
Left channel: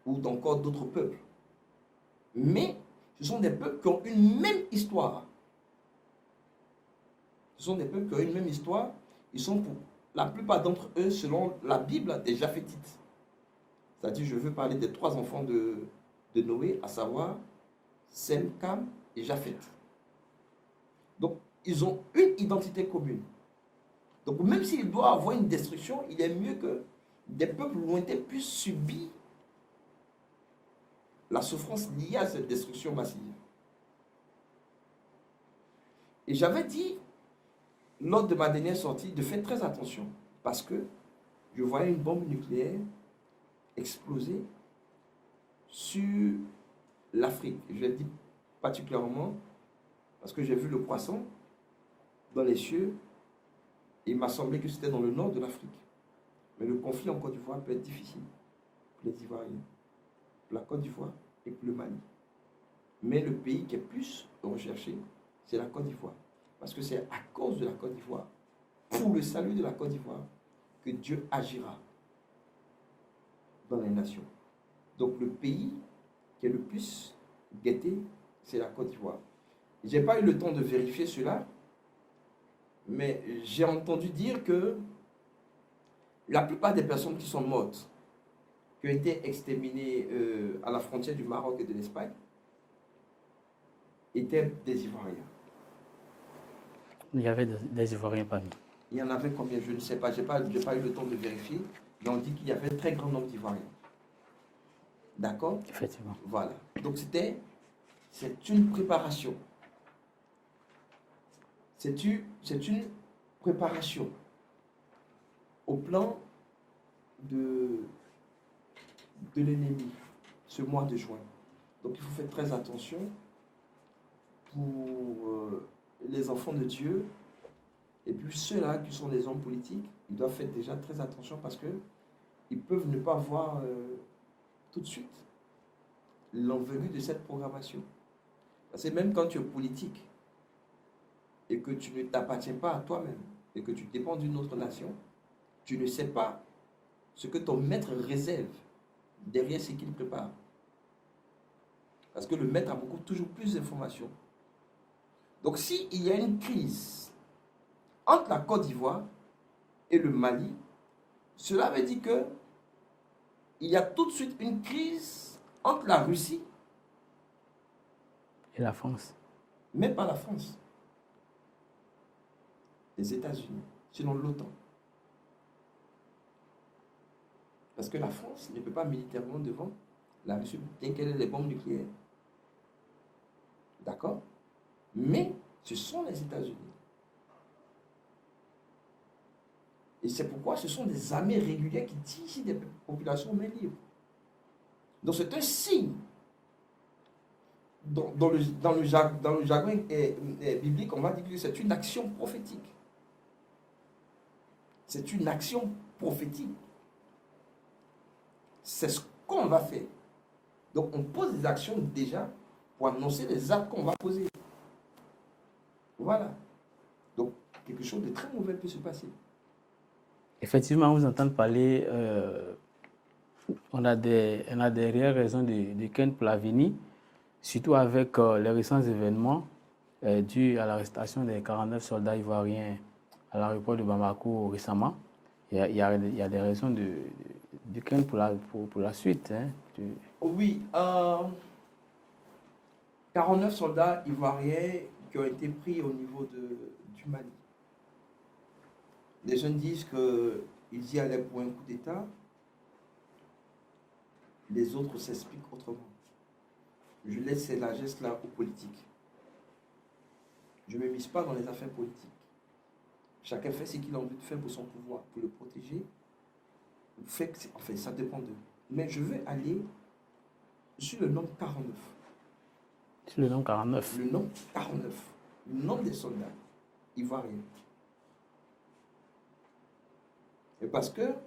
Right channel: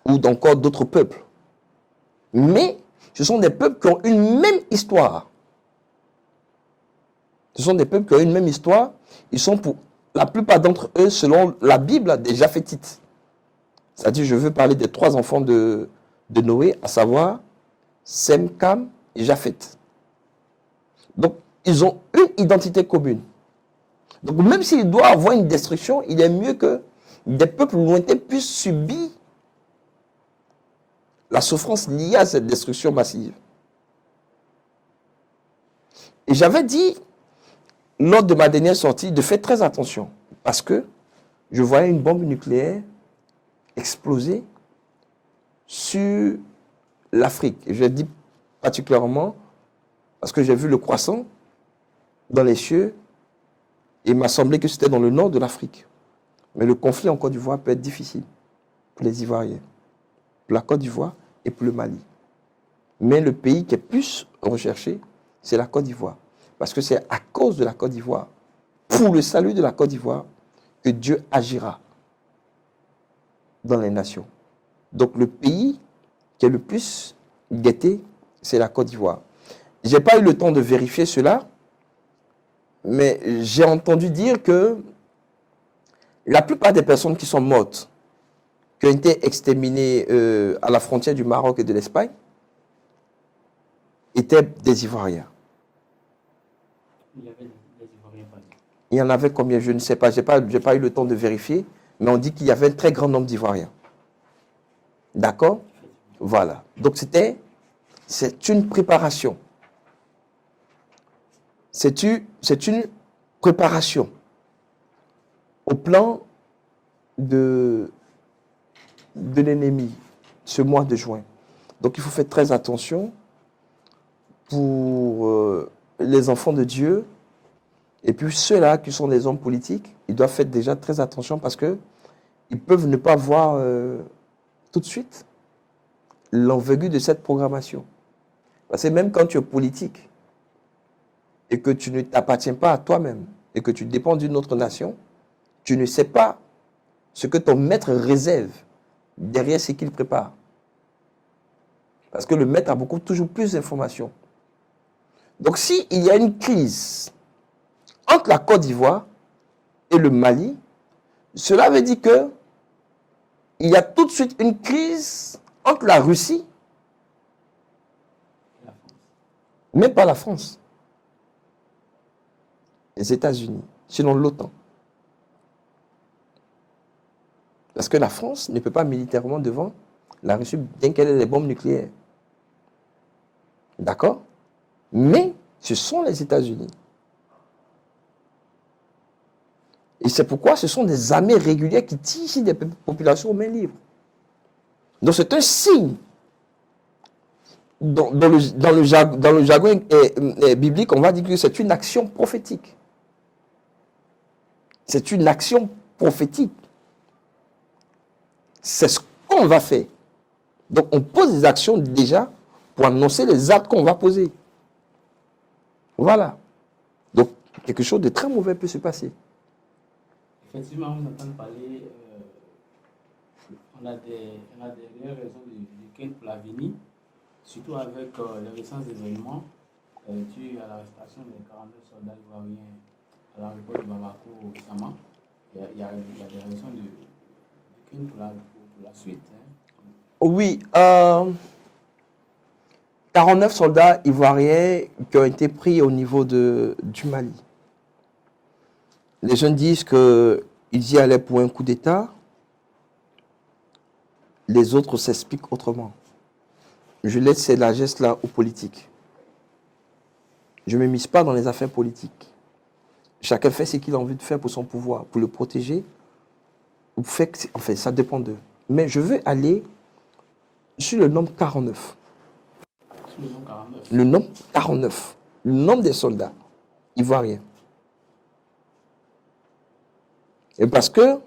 ou d'encore d'autres peuples. Mais ce sont des peuples qui ont une même histoire. Ce sont des peuples qui ont une même histoire. Ils sont pour la plupart d'entre eux, selon la Bible, des Japhétites. C'est-à-dire, je veux parler des trois enfants de Noé, à savoir Sem, Cam et Japheth. Donc, ils ont une identité commune. Donc, même s'il doit avoir une destruction, il est mieux que des peuples lointains puissent subir la souffrance liée à cette destruction massive. Et j'avais dit, lors de ma dernière sortie, de faire très attention, parce que je voyais une bombe nucléaire exploser sur l'Afrique. Je dis particulièrement parce que j'ai vu le croissant dans les cieux et il m'a semblé que c'était dans le nord de l'Afrique. Mais le conflit en Côte d'Ivoire peut être difficile pour les Ivoiriens, pour la Côte d'Ivoire et pour le Mali. Mais le pays qui est plus recherché, c'est la Côte d'Ivoire. Parce que c'est à cause de la Côte d'Ivoire, pour le salut de la Côte d'Ivoire, que Dieu agira dans les nations. Donc le pays qui est le plus guetté, c'est la Côte d'Ivoire. Je n'ai pas eu le temps de vérifier cela, mais j'ai entendu dire que la plupart des personnes qui sont mortes, qui ont été exterminées à la frontière du Maroc et de l'Espagne, étaient des Ivoiriens. Il y avait des Ivoiriens parmi. Il y en avait combien? Je ne sais pas. Je n'ai pas eu le temps de vérifier, mais on dit qu'il y avait un très grand nombre d'Ivoiriens. D'accord? Effectivement. Voilà. Donc c'est une préparation. C'est une préparation au plan de l'ennemi ce mois de juin. Donc il faut faire très attention pour les enfants de Dieu et puis ceux-là qui sont des hommes politiques, ils doivent faire déjà très attention parce que ils peuvent ne pas voir tout de suite l'envergure de cette programmation. Parce que même quand tu es politique et que tu ne t'appartiens pas à toi-même et que tu dépends d'une autre nation, tu ne sais pas ce que ton maître réserve derrière ce qu'il prépare. Parce que le maître a toujours plus d'informations. Donc s'il y a une crise entre la Côte d'Ivoire et le Mali, cela veut dire que il y a tout de suite une crise entre la Russie Et la France. même pas la France, les États-Unis, sinon l'OTAN. Parce que la France ne peut pas militairement devant la Russie, bien qu'elle ait des bombes nucléaires. D'accord? Mais ce sont les États-Unis. Et c'est pourquoi ce sont des armées régulières qui tirent des populations aux mains libres. Donc c'est un signe. Dans le jargon biblique, on va dire que c'est une action prophétique. C'est une action prophétique. C'est ce qu'on va faire. Donc on pose des actions déjà pour annoncer les actes qu'on va poser. Voilà. Donc quelque chose de très mauvais peut se passer. Effectivement, vous entendre parler, on a des réelles raisons de craindre pour l'avenir, surtout avec les récents événements dus à l'arrestation des 49 soldats ivoiriens à l'aéroport de Bamako récemment. Il y a des raisons de craindre pour la suite. Hein, Oui, 49 soldats ivoiriens qui ont été pris au niveau du Mali. Les jeunes disent qu'ils y allaient pour un coup d'État. Les autres s'expliquent autrement. Je laisse ces largesses-là aux politiques. Je ne me mise pas dans les affaires politiques. Chacun fait ce qu'il a envie de faire pour son pouvoir, pour le protéger. En fait, ça dépend d'eux. Mais je veux aller sur le nombre 49. Sur le nombre 49. Le nombre 49. Le nombre des soldats ivoiriens. Et parce que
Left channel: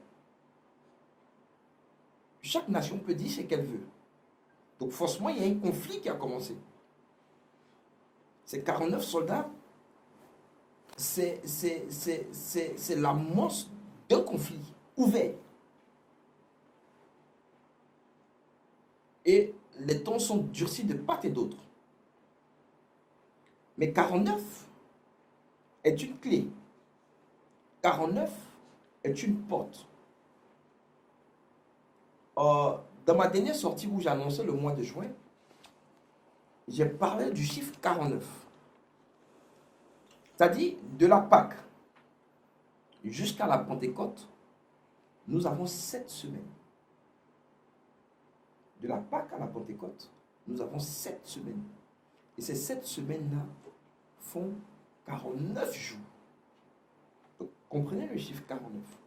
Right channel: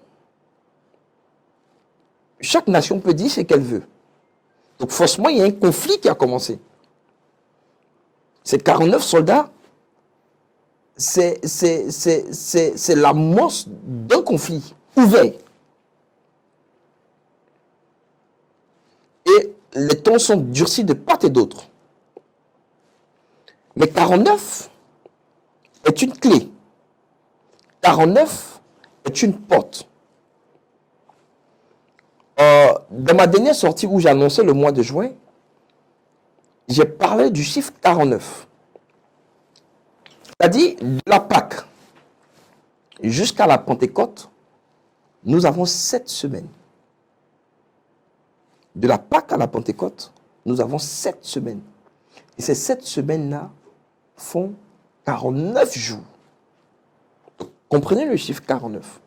chaque nation peut dire ce qu'elle veut. Donc forcément, il y a un conflit qui a commencé. Ces 49 soldats, c'est l'amorce d'un conflit ouvert. Et les tons sont durcis de part et d'autre. Mais 49 est une clé. 49 est une porte. Dans ma dernière sortie où j'ai annoncé le mois de juin, j'ai parlé du chiffre 49. C'est-à-dire de la Pâque jusqu'à la Pentecôte, nous avons 7 semaines. De la Pâque à la Pentecôte, nous avons 7 semaines. Et ces 7 semaines-là font 49 jours. Donc, comprenez le chiffre 49.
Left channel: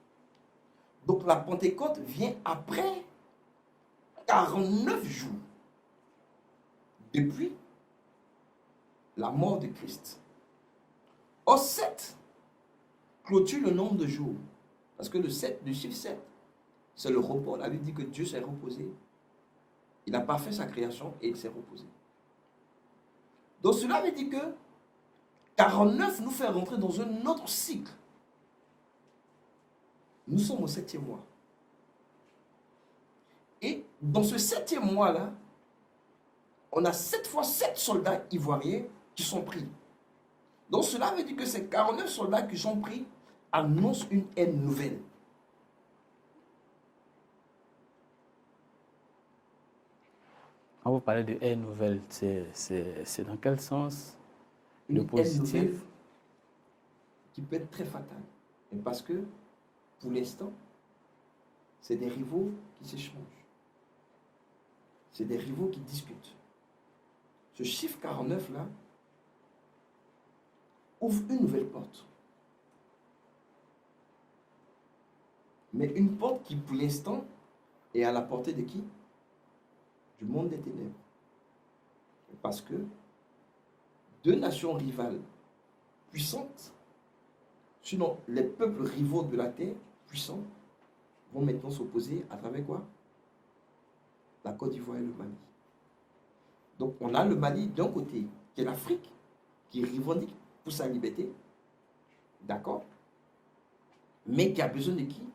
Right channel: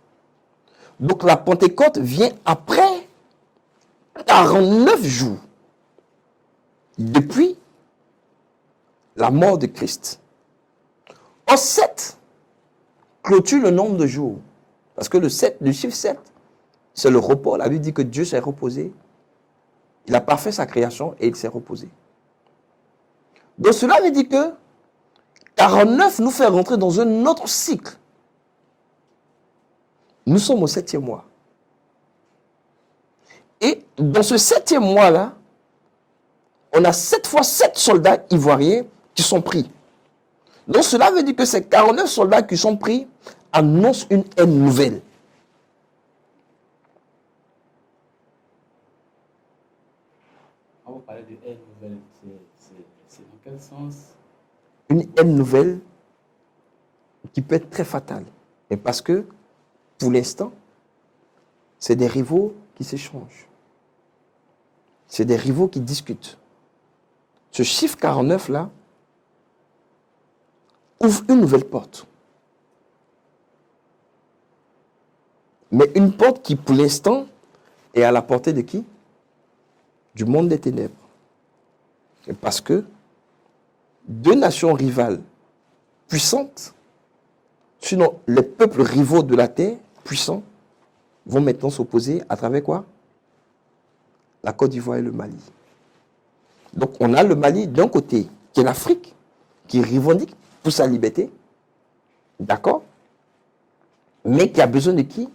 Donc la Pentecôte vient après 49 jours depuis la mort de Christ. En 7 clôture le nombre de jours. Parce que le chiffre 7, c'est le repos. La Bible dit que Dieu s'est reposé. Il a parfait sa création et il s'est reposé. Donc cela veut dire que 49 nous fait rentrer dans un autre cycle. Nous sommes au 7e mois. Et dans ce 7e mois-là, on a 7 fois 7 soldats ivoiriens qui sont pris. Donc cela veut dire que ces 49 soldats qui sont pris annoncent une haine nouvelle. Quand vous parlez de haine nouvelle, c'est dans quel sens? Une haine nouvelle qui peut être très fatale. Et parce que, pour l'instant, c'est des rivaux qui s'échangent. C'est des rivaux qui discutent. Ce chiffre 49-là ouvre une nouvelle porte. Mais une porte qui, pour l'instant, est à la portée de qui? Du monde des ténèbres. Et parce que deux nations rivales puissantes, sinon les peuples rivaux de la terre, puissants, vont maintenant s'opposer à travers quoi? La Côte d'Ivoire et le Mali. Donc on a le Mali d'un côté, qui est l'Afrique, qui revendique pour sa liberté, d'accord? Mais qui a besoin de qui?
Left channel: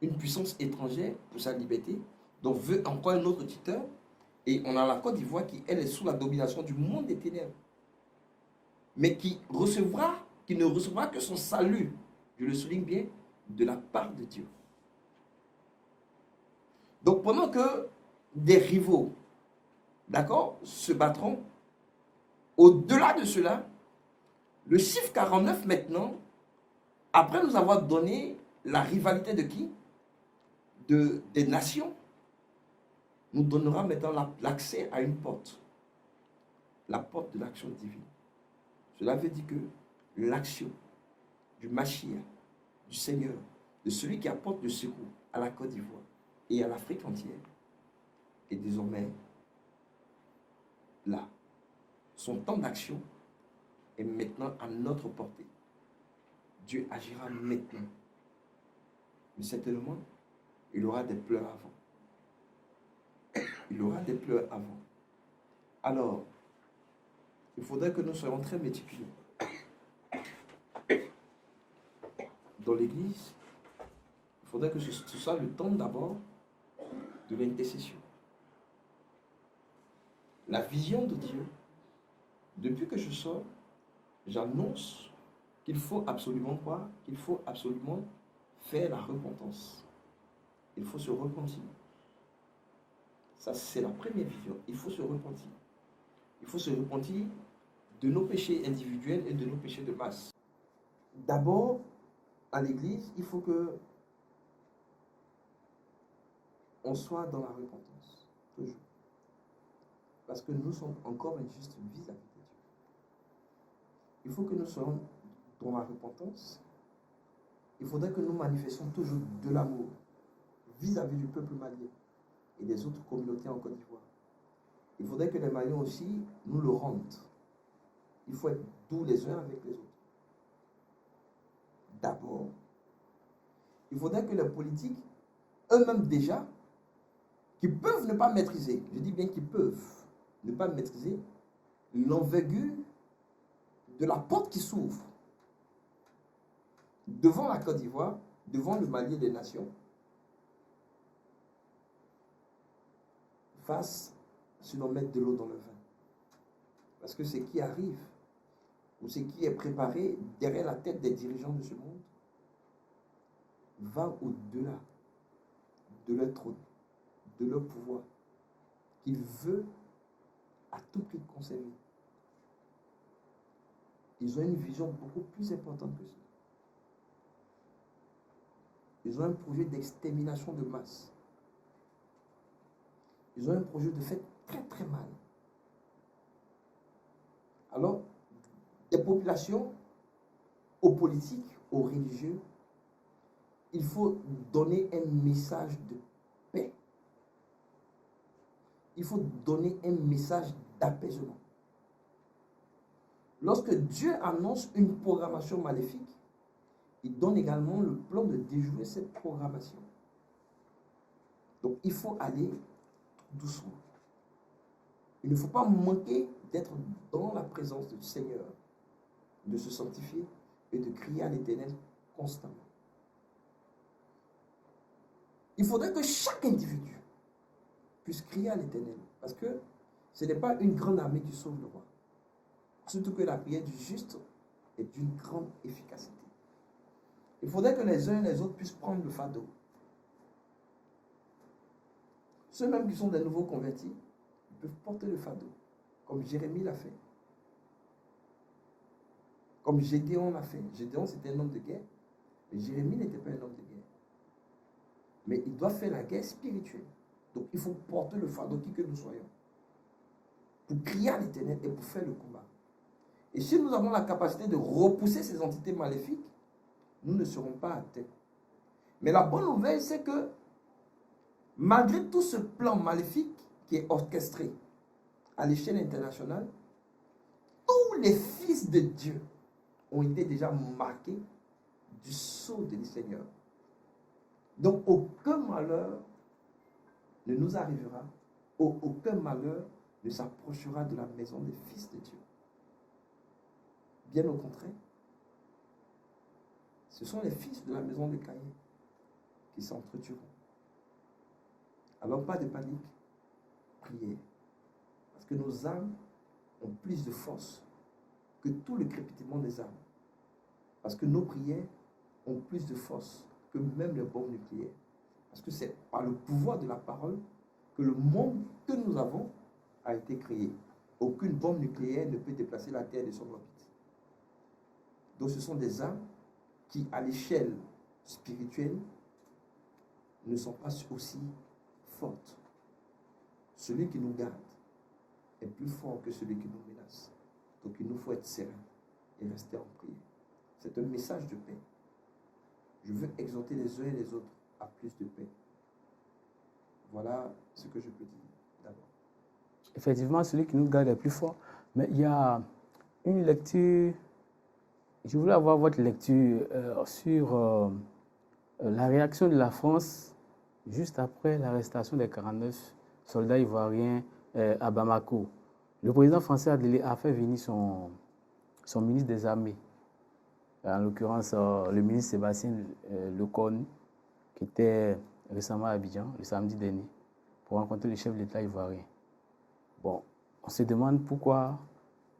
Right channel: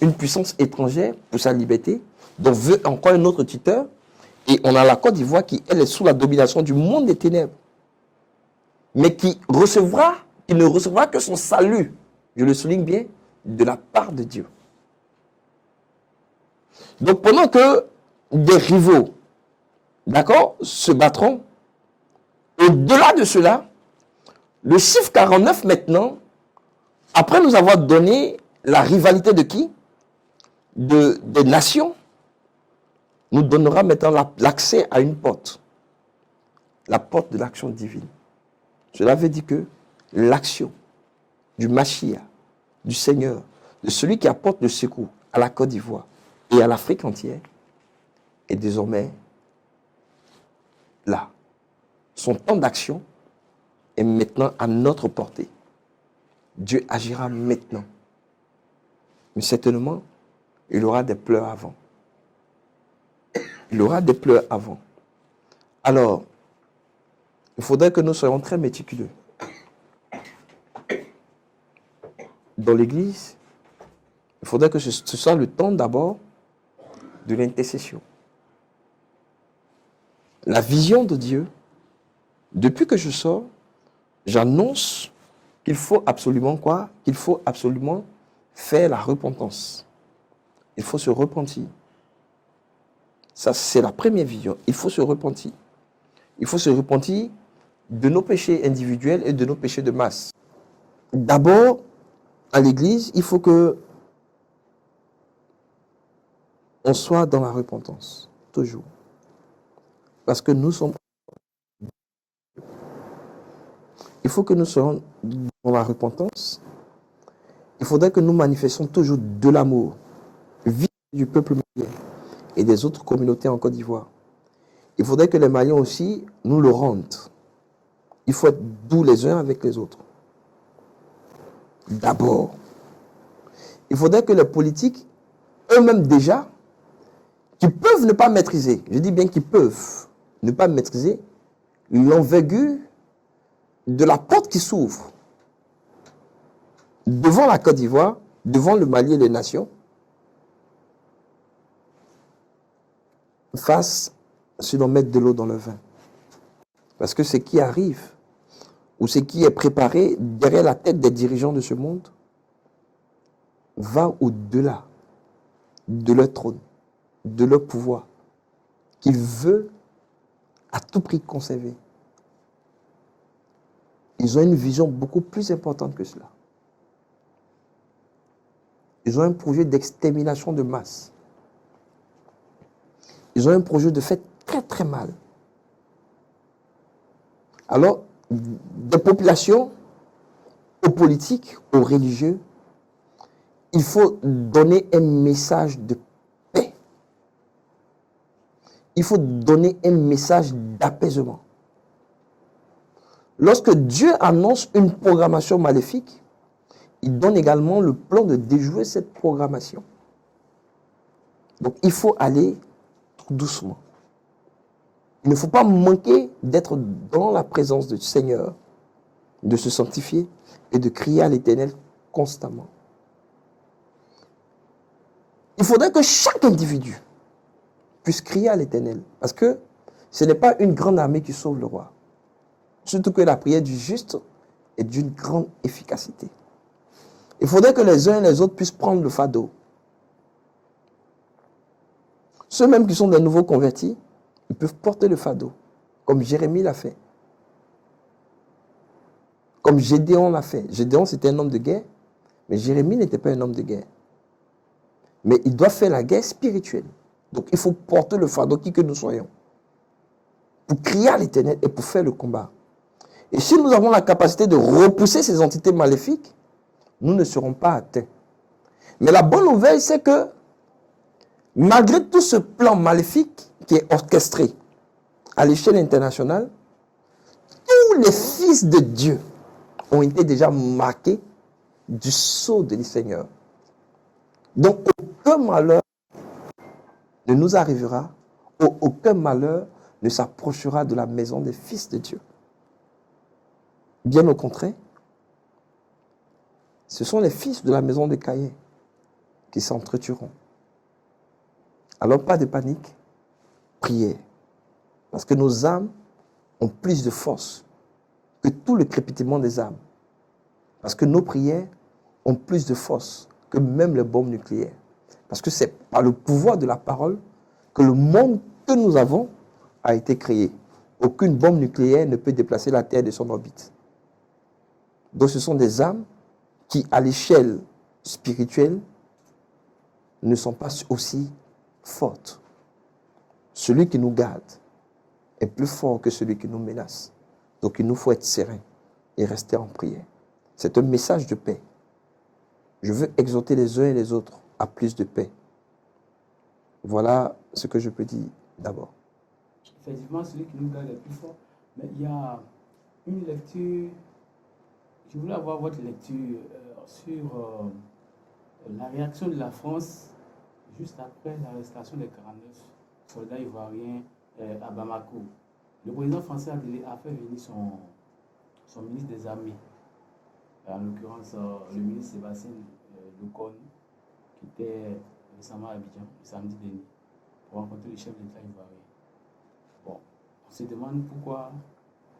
Une puissance étrangère pour sa liberté, donc veut encore un autre tuteur. Et on a la Côte d'Ivoire qui, elle, est sous la domination du monde des ténèbres, mais qui ne recevra que son salut, je le souligne bien, de la part de Dieu. Donc pendant que des rivaux, d'accord, se battront, au-delà de cela, le chiffre 49 maintenant, après nous avoir donné la rivalité de qui? Des nations, nous donnera maintenant l'accès à une porte. La porte de l'action divine. Cela veut dire que l'action du Mashiach, du Seigneur, de celui qui apporte le secours à la Côte d'Ivoire et à l'Afrique entière, est désormais là. Son temps d'action est maintenant à notre portée. Dieu agira maintenant. Mais certainement, il aura des pleurs avant. Il aura des pleurs avant. Alors, il faudrait que nous soyons très méticuleux. Dans l'Église, il faudrait que ce soit le temps d'abord de l'intercession. La vision de Dieu, depuis que je sors, j'annonce qu'il faut absolument quoi? Qu'il faut absolument faire la repentance. Il faut se repentir. Ça, c'est la première vision. Il faut se repentir. Il faut se repentir de nos péchés individuels et de nos péchés de masse. D'abord, à l'Église, il faut que on soit dans la repentance, toujours. Parce que nous sommes encore injustes vis-à-vis de Dieu. Il faut que nous soyons dans la repentance. Il faudrait que nous manifestions toujours de l'amour vis-à-vis du peuple malien et des autres communautés en Côte d'Ivoire. Il faudrait que les Maliens aussi nous le rendent. Il faut être doux les uns avec les autres. D'abord, il faudrait que les politiques, eux-mêmes déjà, qui peuvent ne pas maîtriser, je dis bien qu'ils peuvent ne pas maîtriser l'envergure de la porte qui s'ouvre devant la Côte d'Ivoire, devant le Mali et les nations, fassent si l'on met de l'eau dans le vin. Parce que ce qui arrive, ou ce qui est préparé derrière la tête des dirigeants de ce monde, va au-delà de leur trône, de leur pouvoir, qu'ils veulent à tout prix conserver. Ils ont une vision beaucoup plus importante que cela. Ils ont un projet d'extermination de masse. Ils ont un projet de faire très très mal. Alors, des populations, aux politiques, aux religieux, il faut donner un message de paix. Il faut donner un message d'apaisement. Lorsque Dieu annonce une programmation maléfique, il donne également le plan de déjouer cette programmation. Donc, il faut aller tout doucement. Il ne faut pas manquer d'être dans la présence du Seigneur, de se sanctifier et de crier à l'Éternel constamment. Il faudrait que chaque individu puisse crier à l'Éternel, parce que ce n'est pas une grande armée qui sauve le roi. Surtout que la prière du juste est d'une grande efficacité. Il faudrait que les uns et les autres puissent prendre le fardeau. Ceux même qui sont des nouveaux convertis, ils peuvent porter le fardeau, comme Jérémie l'a fait. Comme Gédéon l'a fait. Gédéon, c'était un homme de guerre, mais Jérémie n'était pas un homme de guerre. Mais il doit faire la guerre spirituelle. Donc il faut porter le fardeau, qui que nous soyons, pour crier à l'Éternel et pour faire le combat. Et si nous avons la capacité de repousser ces entités maléfiques, nous ne serons pas atteints. Mais la bonne nouvelle, c'est que malgré tout ce plan maléfique qui est orchestré à l'échelle internationale, tous les fils de Dieu ont été déjà marqués du sceau du Seigneur. Donc aucun malheur ne nous arrivera, aucun malheur ne s'approchera de la maison des fils de Dieu. Bien au contraire, ce sont les fils de la maison de Caïn qui s'entretueront. Alors pas de panique, priez. Parce que nos âmes ont plus de force que tout le crépitement des âmes. Parce que nos prières ont plus de force que même les bombes nucléaires. Parce que c'est par le pouvoir de la parole que le monde que nous avons a été créé. Aucune bombe nucléaire ne peut déplacer la Terre de son orbite. Donc ce sont des âmes qui, à l'échelle spirituelle, ne sont pas aussi fortes. Celui qui nous garde est plus fort que celui qui nous menace. Donc il nous faut être serein et rester en prière. C'est un message de paix. Je veux exhorter les uns et les autres à plus de paix. Voilà ce que je peux dire d'abord. Effectivement, celui qui nous garde est plus fort. Mais il y a une lecture, je voulais avoir votre lecture sur la réaction de la France juste après l'arrestation des 49 soldats ivoiriens à Bamako. Le président français a fait venir son ministre des Armées, en l'occurrence le ministre Sébastien Lecornu, qui était récemment à Abidjan, le samedi dernier, pour rencontrer le chef de l'État ivoirien. Bon, on se demande pourquoi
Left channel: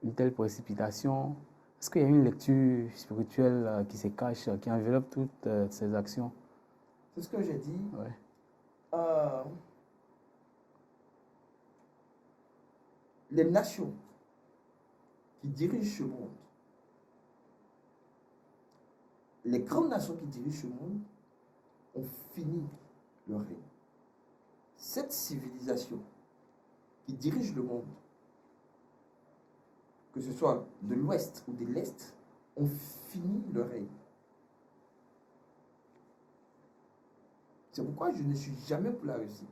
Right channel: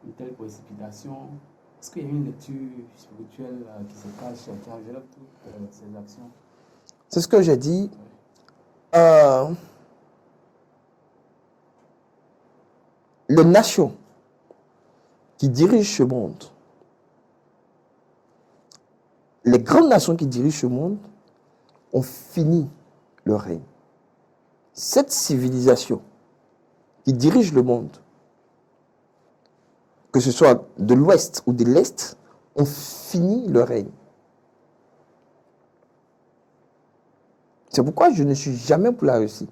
une telle précipitation. Est-ce qu'il y a une lecture spirituelle qui se cache, qui enveloppe toutes ces actions? C'est ce que j'ai dit. Ouais. Les nations qui dirigent ce monde, les grandes nations qui dirigent ce monde ont fini leur règne. Cette civilisation qui dirige le monde, que ce soit de l'ouest ou de l'est, ont fini leur règne. C'est pourquoi je ne suis jamais pour la Russie.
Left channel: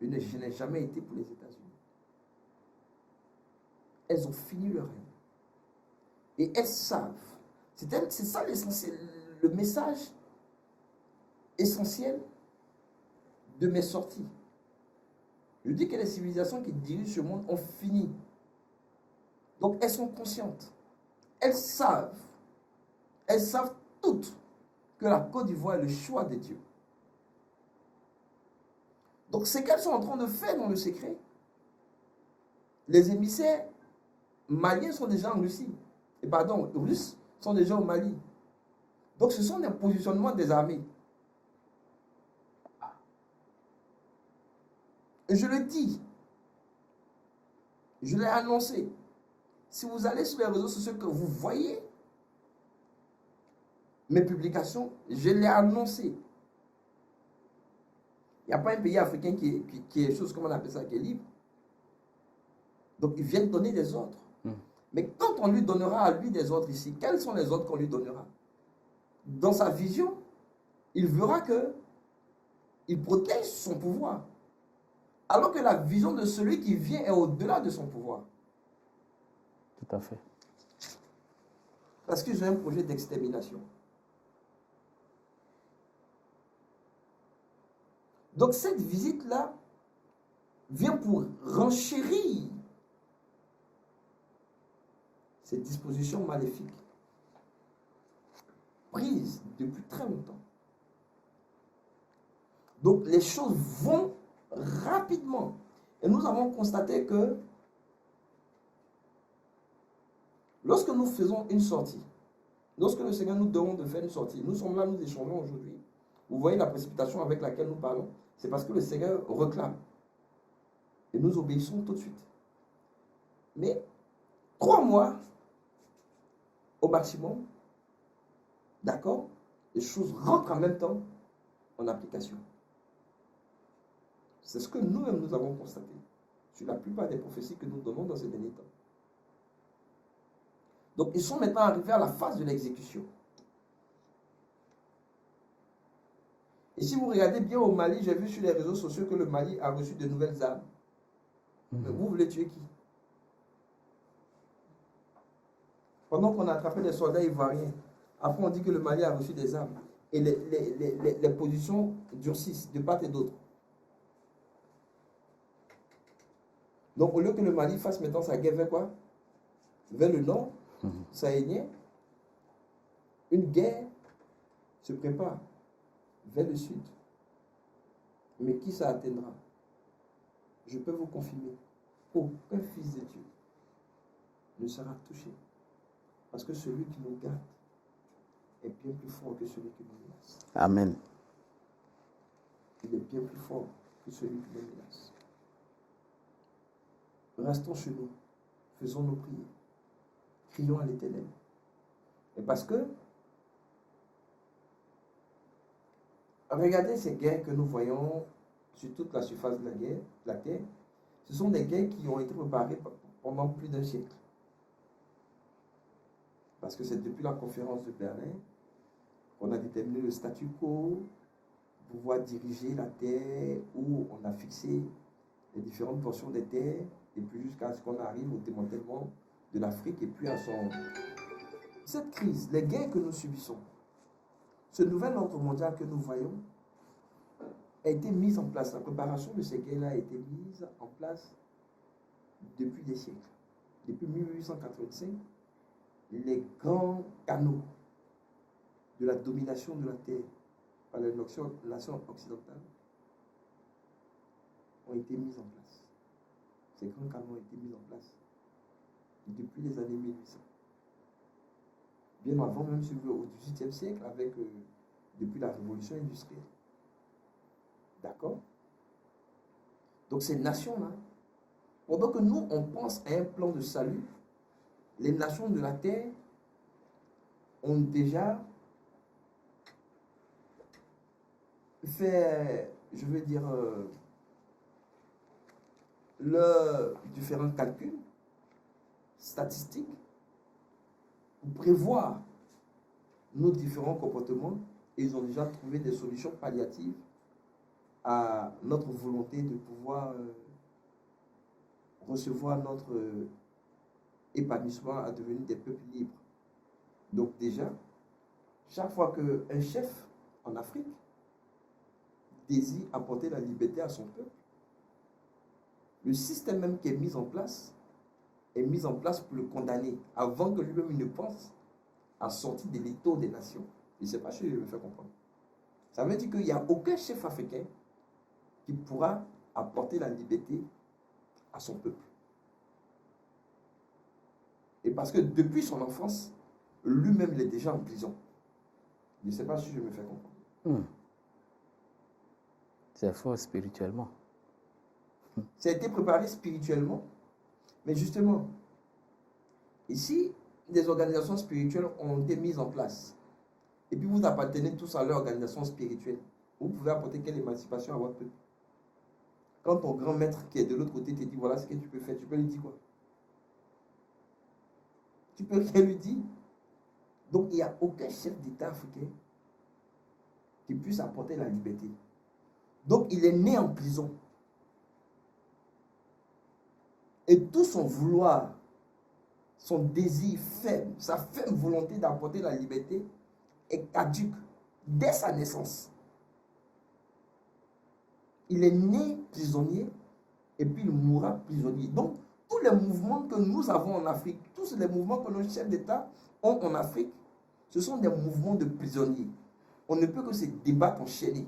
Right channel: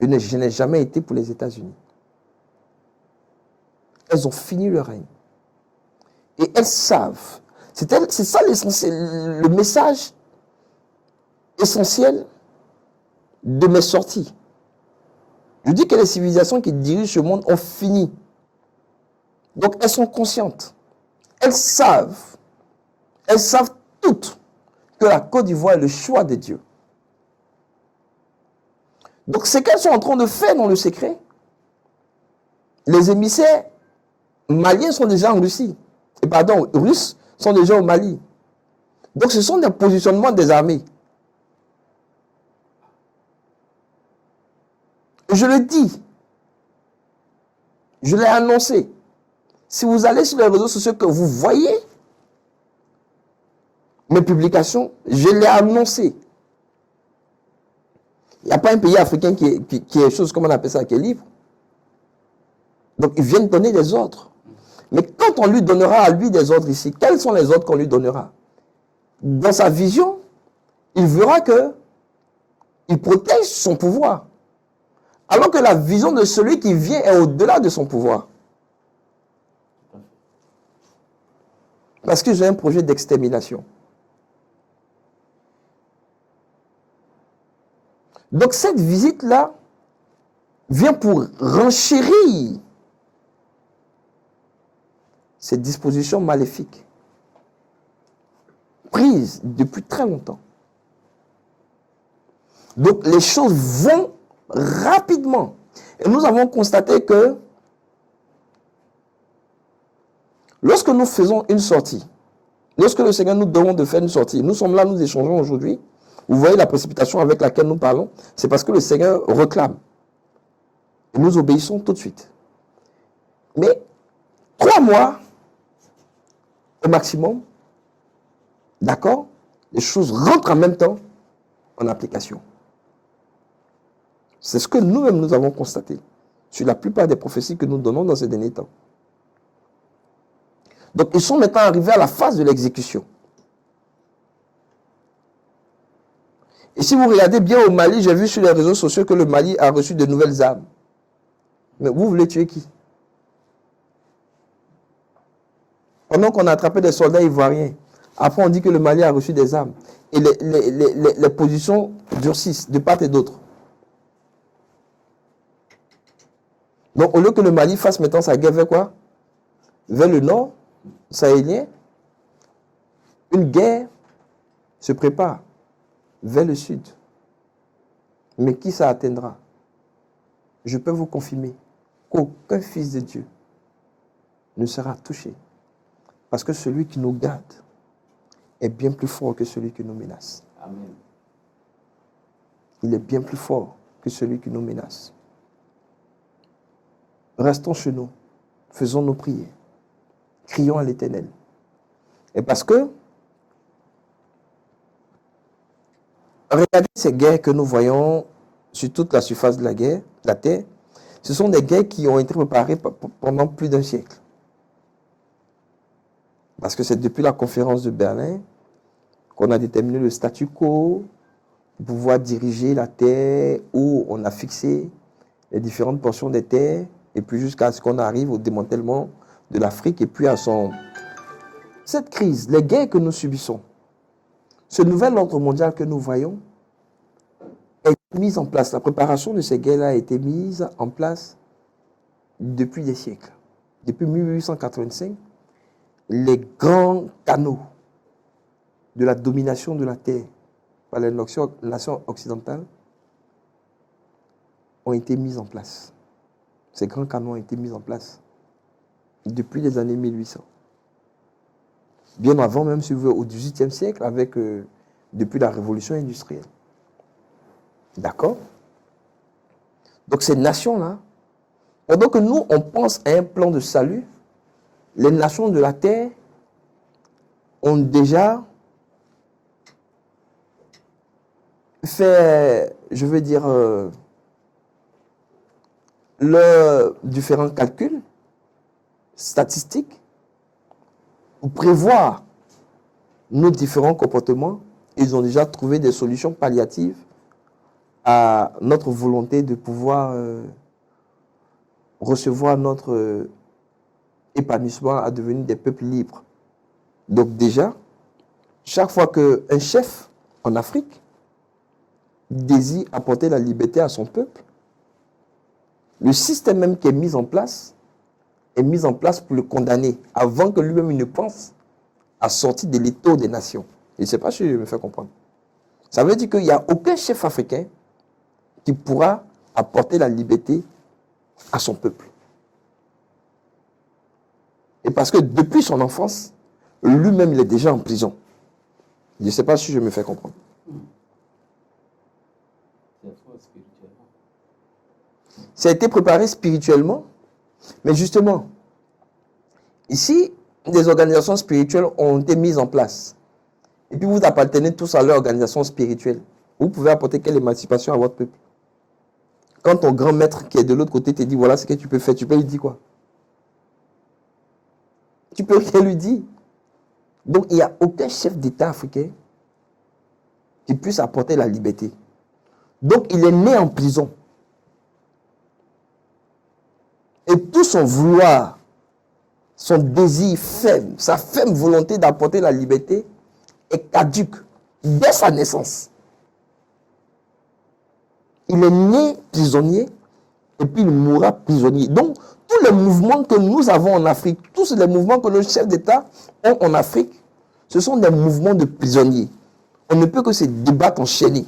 Je n'ai jamais été pour les États-Unis. Elles ont fini leur règne. Et elles savent. C'est ça le message essentiel de mes sorties. Je dis que les civilisations qui dirigent ce monde ont fini. Donc elles sont conscientes. Elles savent toutes que la Côte d'Ivoire est le choix de Dieu. Donc ce qu'elles sont en train de faire dans le secret, les émissaires maliens sont déjà en Russie. Russes sont déjà au Mali. Donc ce sont des positionnements des armées. Je le dis. Je l'ai annoncé. Si vous allez sur les réseaux sociaux que vous voyez mes publications, je l'ai annoncé. Il n'y a pas un pays africain qui est chose, comment on appelle ça, qui est libre. Donc ils viennent donner des ordres. Mais quand on lui donnera à lui des ordres ici, quels sont les ordres qu'on lui donnera? Dans sa vision, il verra que il protège son pouvoir. Alors que la vision de celui qui vient est au-delà de son pouvoir. Tout à fait. Parce que j'ai un projet d'extermination. Donc cette visite-là vient pour renchérir ces dispositions maléfiques prises depuis très longtemps. Donc les choses vont rapidement. Et nous avons constaté que lorsque nous faisons une sortie, lorsque le Seigneur nous demande de faire une sortie, nous sommes là, nous échangeons aujourd'hui. Vous voyez la précipitation avec laquelle nous parlons, c'est parce que le Seigneur réclame. Et nous obéissons tout de suite. Mais 3 mois au maximum, d'accord, les choses rentrent en même temps en application. C'est ce que nous-mêmes nous avons constaté sur la plupart des prophéties que nous donnons dans ces derniers temps. Donc ils sont maintenant arrivés à la phase de l'exécution. Et si vous regardez bien au Mali, j'ai vu sur les réseaux sociaux que le Mali a reçu de nouvelles armes. Mais vous voulez tuer qui? Pendant qu'on a attrapé des soldats ivoiriens, après on dit que le Mali a reçu des armes. Et les positions durcissent de part et d'autre. Donc au lieu que le Mali fasse maintenant sa guerre vers quoi? Vers le nord, sahélien, une guerre se prépare vers le sud. Mais qui ça atteindra? Je peux vous confirmer qu'aucun fils de Dieu ne sera touché. Parce que celui qui nous garde est bien plus fort que celui qui nous menace. Amen. Il est bien plus fort que celui qui nous menace. Restons chez nous, faisons nos prières, crions à l'Éternel. Et parce que, regardez ces guerres que nous voyons sur toute la surface de la terre, ce sont des guerres qui ont été préparées pendant plus d'un siècle. Parce que c'est depuis la conférence de Berlin qu'on a déterminé le statu quo pour pouvoir diriger la terre, où on a fixé les différentes portions des terres, et puis jusqu'à ce qu'on arrive au démantèlement de l'Afrique, et puis à son... Cette crise, les guerres que nous subissons, ce nouvel ordre mondial que nous voyons, a été mise en place. La préparation de ces guerres-là a été mise en place depuis des siècles. Depuis 1885, les grands canaux de la domination de la terre par les nations occidentales ont été mis en place. Ces grands canaux ont été mis en place depuis les années 1800. Bien avant même, si vous voulez, au XVIIIe siècle, depuis la révolution industrielle. D'accord? Donc ces nations-là, pendant que nous, on pense à un plan de salut, les nations de la terre ont déjà fait, je veux dire, leurs différents calculs statistiques pour prévoir nos différents comportements. Ils ont déjà trouvé des solutions palliatives à notre volonté de pouvoir recevoir notre épanouissement à devenir des peuples libres. Donc déjà, chaque fois qu'un chef en Afrique désire apporter la liberté à son peuple, le système même qui est mis en place pour le condamner avant que lui-même ne pense à sortir de l'étau des nations. Je ne sais pas si je me fais comprendre. Ça veut dire qu'il n'y a aucun chef africain qui pourra apporter la liberté à son peuple. Et parce que depuis son enfance, lui-même, il est déjà en prison. Je ne sais pas si je me fais comprendre. C'est faux spirituellement. Ça a été préparé spirituellement, mais justement, ici, des organisations spirituelles ont été mises en place. Et puis vous appartenez tous à leur organisation spirituelle. Vous pouvez apporter quelle émancipation à votre peuple? Quand ton grand maître qui est de l'autre côté te dit voilà ce que tu peux faire, tu peux lui dire quoi? Tu peux rien lui dire. Donc il n'y a aucun chef d'État africain qui puisse apporter la liberté. Donc il est né en prison. Et tout son vouloir, son désir ferme, sa ferme volonté d'apporter la liberté est caduque dès sa naissance. Il est né prisonnier et puis il mourra prisonnier. Donc, tous les mouvements que nous avons en Afrique, tous les mouvements que nos chefs d'État ont en Afrique, ce sont des mouvements de prisonniers. On ne peut que se débattre enchaînés.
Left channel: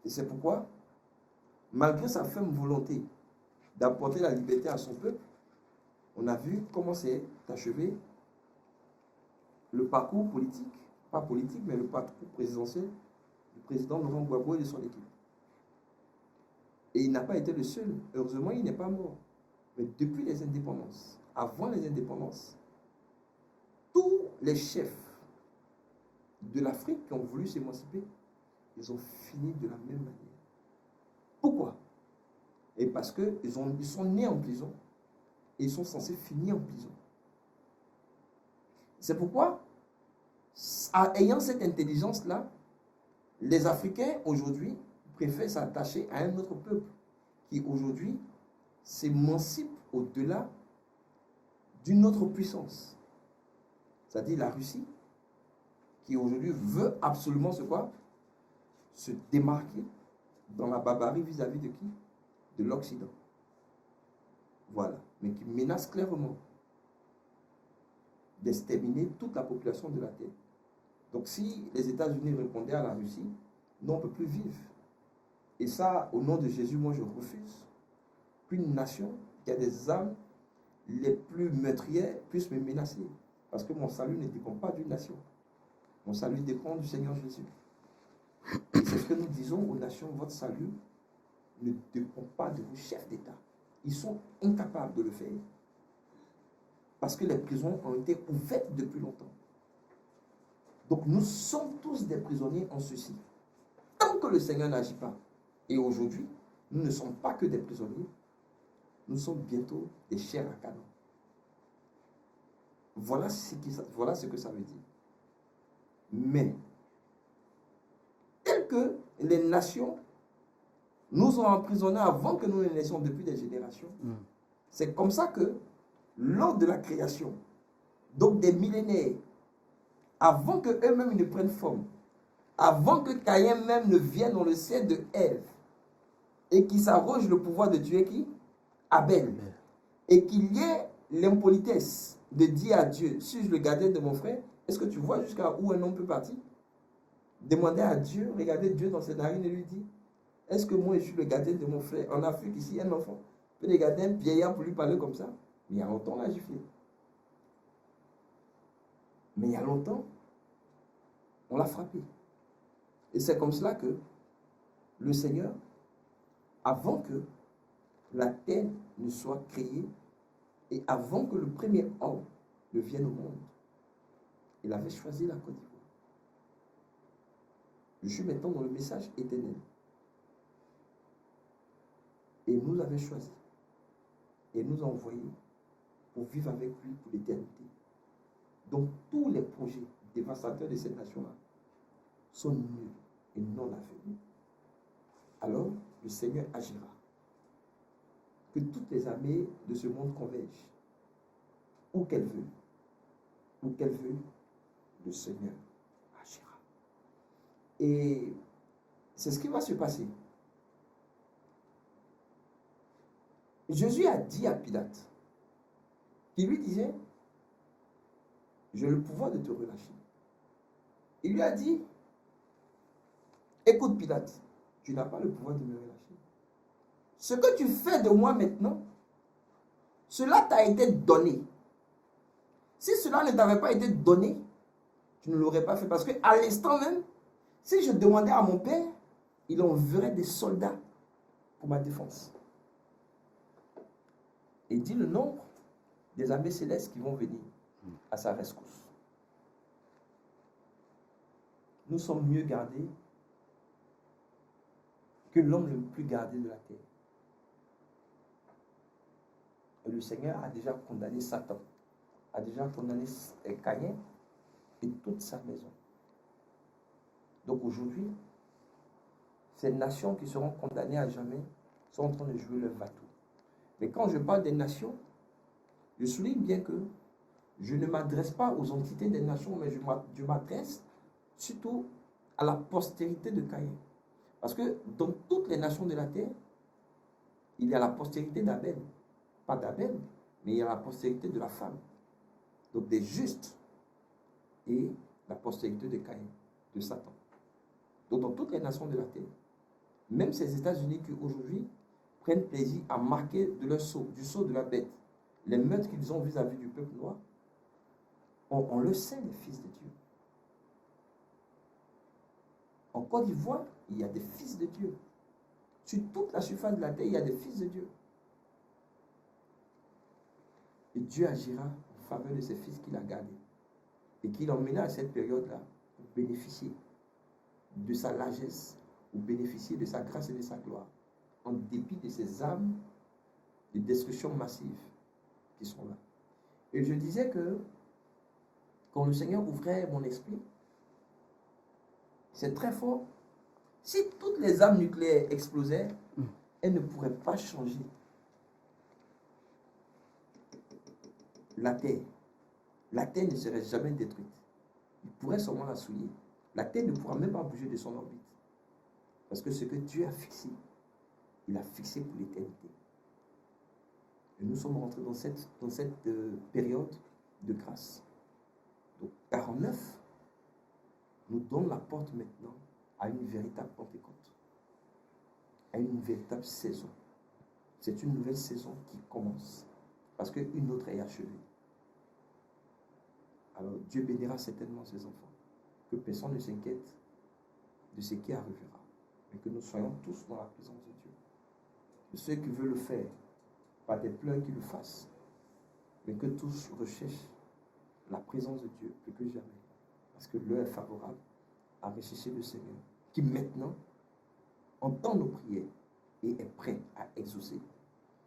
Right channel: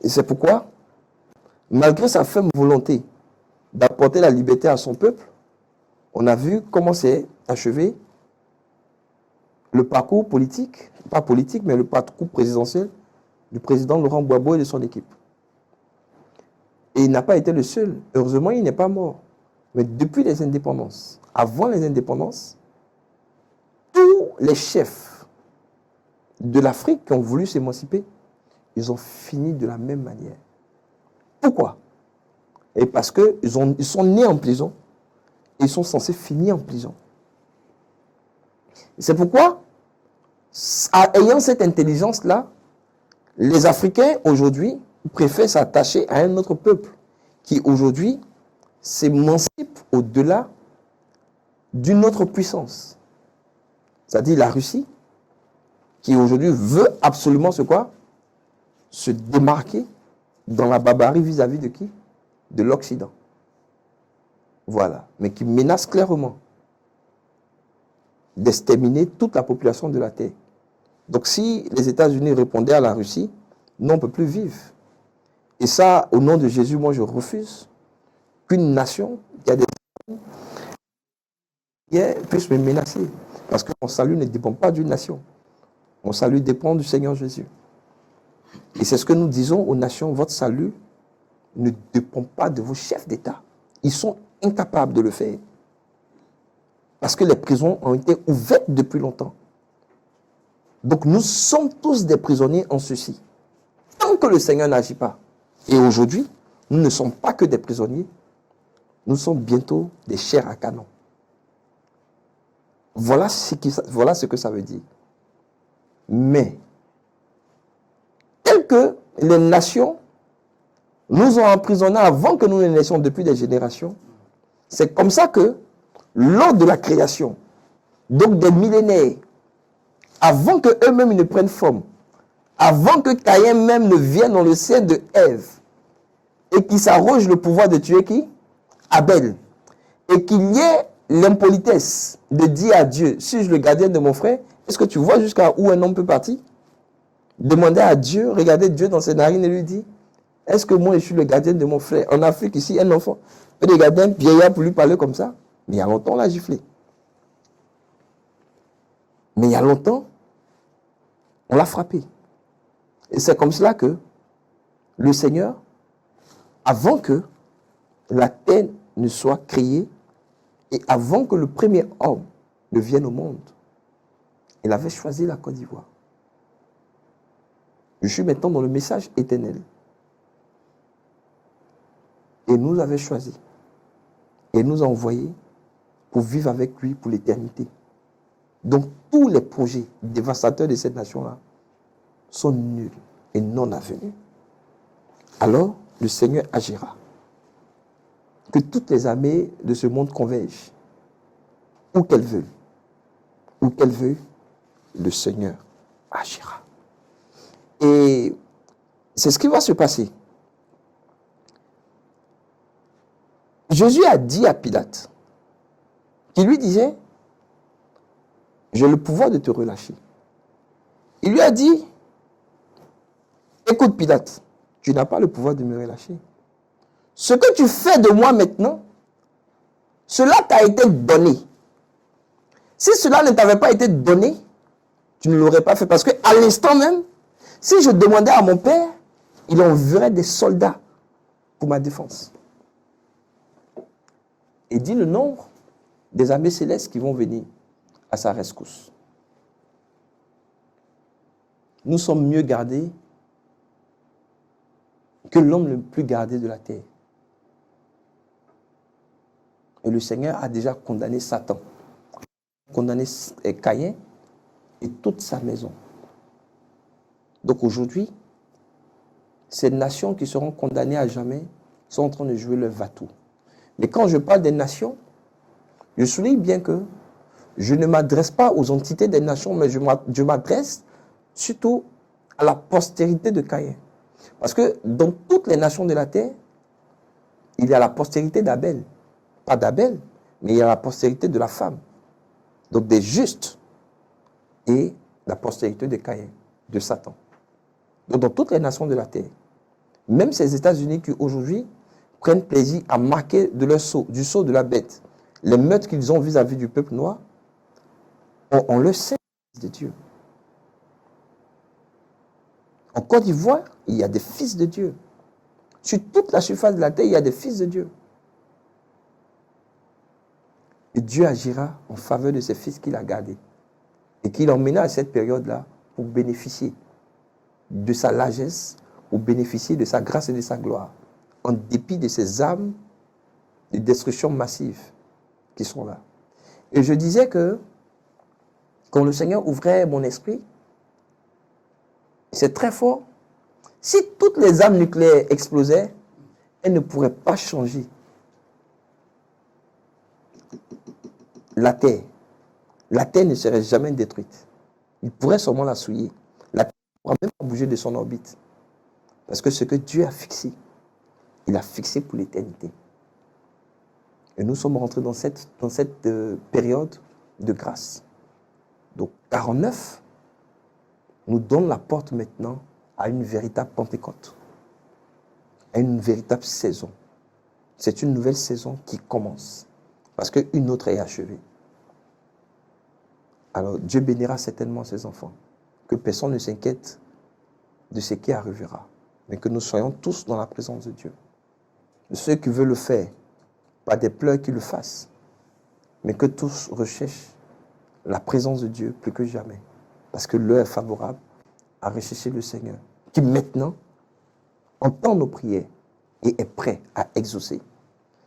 Et c'est pourquoi, malgré sa ferme volonté d'apporter la liberté à son peuple, on a vu comment s'est achevé le parcours politique, pas politique, mais le parcours présidentiel du président Laurent Gbagbo et de son équipe. Et il n'a pas été le seul. Heureusement, il n'est pas mort. Mais depuis les indépendances, avant les indépendances, tous les chefs de l'Afrique qui ont voulu s'émanciper, ils ont fini de la même manière. Pourquoi? Et parce qu'ils sont nés en prison et ils sont censés finir en prison. C'est pourquoi Ayant cette intelligence-là, les Africains, aujourd'hui, préfèrent s'attacher à un autre peuple qui, aujourd'hui, s'émancipe au-delà d'une autre puissance. C'est-à-dire la Russie, qui aujourd'hui veut absolument se quoi? Se démarquer dans la barbarie vis-à-vis de qui? De l'Occident. Voilà. Mais qui menace clairement d'exterminer toute la population de la Terre. Donc si les États-Unis répondaient à la Russie, nous on ne peut plus vivre. Et ça, au nom de Jésus, moi je refuse qu'une nation qui a des armes les plus meurtrières puisse me menacer. Parce que mon salut ne dépend pas d'une nation. Mon salut dépend du Seigneur Jésus. Et c'est ce que nous disons aux nations, votre salut ne dépend pas de vos chefs d'État. Ils sont incapables de le faire. Parce que les prisons ont été ouvertes depuis longtemps. Donc nous sommes tous des prisonniers en ceci. Tant que le Seigneur n'agit pas. Et aujourd'hui, nous ne sommes pas que des prisonniers. Nous sommes bientôt des chairs à canon. Voilà ce que ça veut dire. Mais, tel que les nations nous ont emprisonnés avant que nous ne naissions depuis des générations, c'est comme ça que, lors de la création, donc des millénaires, avant qu'eux-mêmes ne prennent forme, avant que Caïn même ne vienne dans le sein de Ève, et qu'il s'arroge le pouvoir de tuer qui? Abel. Et qu'il y ait l'impolitesse de dire à Dieu, suis-je le gardien de mon frère? Est-ce que tu vois jusqu'à où un homme peut partir? Demander à Dieu, regarder Dieu dans ses narines et lui dire, est-ce que moi je suis le gardien de mon frère? En Afrique, ici, un enfant peut regarder un vieillard pour lui parler comme ça. Mais il y a longtemps, on l'a giflé. Mais il y a longtemps, on l'a frappé. Et c'est comme cela que le Seigneur, avant que la terre ne soit créée et avant que le premier homme ne vienne au monde, il avait choisi la Côte d'Ivoire. Je suis maintenant dans le message éternel. Et nous avait choisi. Et nous a envoyés pour vivre avec lui pour l'éternité. Donc tous les projets dévastateurs de cette nation-là sont nuls et non avenus. Alors le Seigneur agira. Que toutes les armées de ce monde convergent. Où qu'elles veulent. Où qu'elles veulent, le Seigneur agira. Et c'est ce qui va se passer. Jésus a dit à Pilate, qui lui disait, j'ai le pouvoir de te relâcher. Il lui a dit, écoute Pilate, tu n'as pas le pouvoir de me relâcher. Ce que tu fais de moi maintenant, cela t'a été donné. Si cela ne t'avait pas été donné, tu ne l'aurais pas fait. Parce qu'à l'instant même, si je demandais à mon père, il enverrait des soldats pour ma défense. Et dit le nombre des armées célestes qui vont venir à sa rescousse. Nous sommes mieux gardés que l'homme le plus gardé de la terre. Et le Seigneur a déjà condamné Satan, a déjà condamné Caïn et toute sa maison. Donc aujourd'hui, ces nations qui seront condamnées à jamais sont en train de jouer leur va-tout. Mais quand je parle des nations, je souligne bien que je ne m'adresse pas aux entités des nations, mais je m'adresse surtout à la postérité de Caïn. Parce que dans toutes les nations de la terre, il y a la postérité d'Abel. Pas d'Abel, mais il y a la postérité de la femme. Donc des justes et la postérité de Caïn, de Satan. Donc dans toutes les nations de la terre, même ces États-Unis qui aujourd'hui prennent plaisir à marquer de leur sceau, du sceau de la bête, les meurtres qu'ils ont vis-à-vis du peuple noir, on le sait, les fils de Dieu. En Côte d'Ivoire, il y a des fils de Dieu. Sur toute la surface de la terre, il y a des fils de Dieu. Et Dieu agira en faveur de ses fils qu'il a gardés. Et qu'il emmena à cette période-là pour bénéficier de sa largesse, pour bénéficier de sa grâce et de sa gloire, en dépit de ces armes de destruction massive qui sont là. Et je disais que quand le Seigneur ouvrait mon esprit, c'est très fort. Si toutes les armes nucléaires explosaient, elles ne pourraient pas changer la Terre. La Terre ne serait jamais détruite. Il pourrait seulement la souiller. La Terre ne pourra même pas bouger de son orbite. Parce que ce que Dieu a fixé, il a fixé pour l'éternité. Et nous sommes rentrés dans cette période de grâce. Donc 49 nous donne la porte maintenant à une véritable Pentecôte, à une véritable saison. C'est une nouvelle saison qui commence, parce qu'une autre est achevée. Alors Dieu bénira certainement ses enfants, que personne ne s'inquiète de ce qui arrivera, mais que nous soyons tous dans la présence de Dieu. Ceux qui veulent le faire, pas des pleurs qui le fassent, mais que tous recherchent la présence de Dieu plus que jamais, parce que l'heure est favorable à rechercher le Seigneur, qui maintenant entend nos prières et est prêt à exaucer.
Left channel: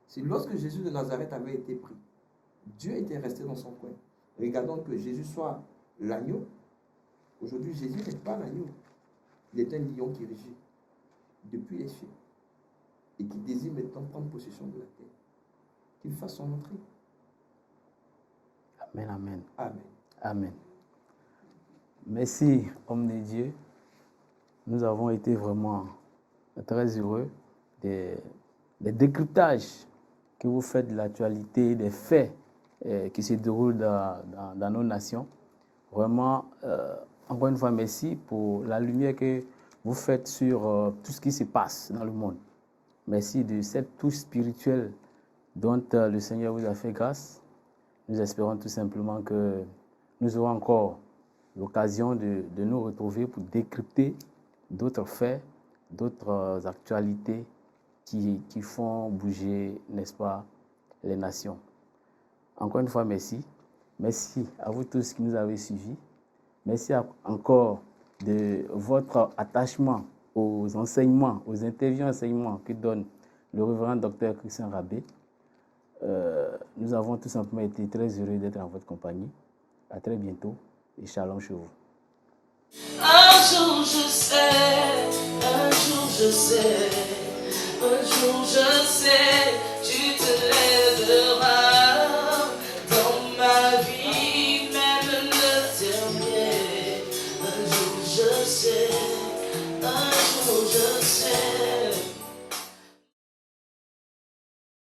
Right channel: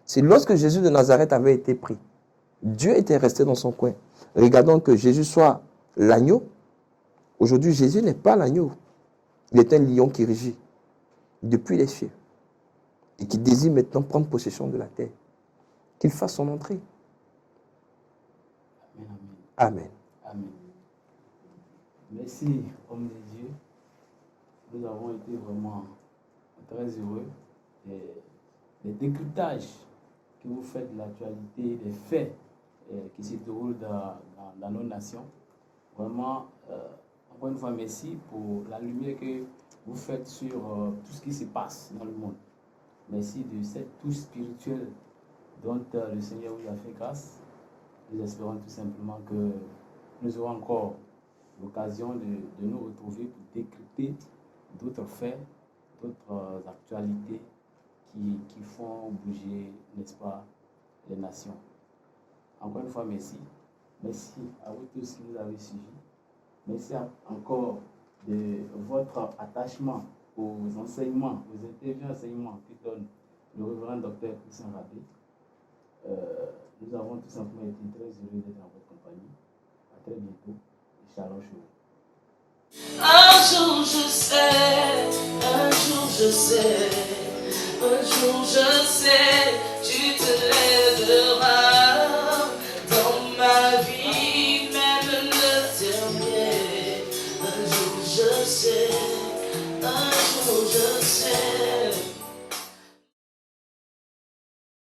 C'est lorsque Jésus de Nazareth avait été pris, Dieu était resté dans son coin. Regardons que Jésus soit l'agneau. Aujourd'hui, Jésus n'est pas l'agneau. Il est un lion qui rugit depuis les cieux et qui désire maintenant prendre possession de la terre. Qu'il fasse son entrée. Amen, amen. Amen. Amen. Merci, homme de Dieu. Nous avons été vraiment très heureux des décryptages que vous faites de l'actualité, des faits qui se déroulent dans nos nations. Vraiment, encore une fois, merci pour la lumière que vous faites sur tout ce qui se passe dans le monde. Merci de cette touche spirituelle dont le Seigneur vous a fait grâce. Nous espérons tout simplement que nous aurons encore l'occasion de nous retrouver pour décrypter d'autres faits, d'autres actualités qui font bouger, n'est-ce pas, les nations. Encore une fois, merci. Merci à vous tous qui nous avez suivis. Merci encore de votre attachement aux enseignements, aux interviews enseignements que donne le révérend docteur Christian Rabé. Nous avons tout simplement été très heureux d'être en votre compagnie. À très bientôt et shalom chez vous. Un jour je sais, un jour je sais, un jour je sais.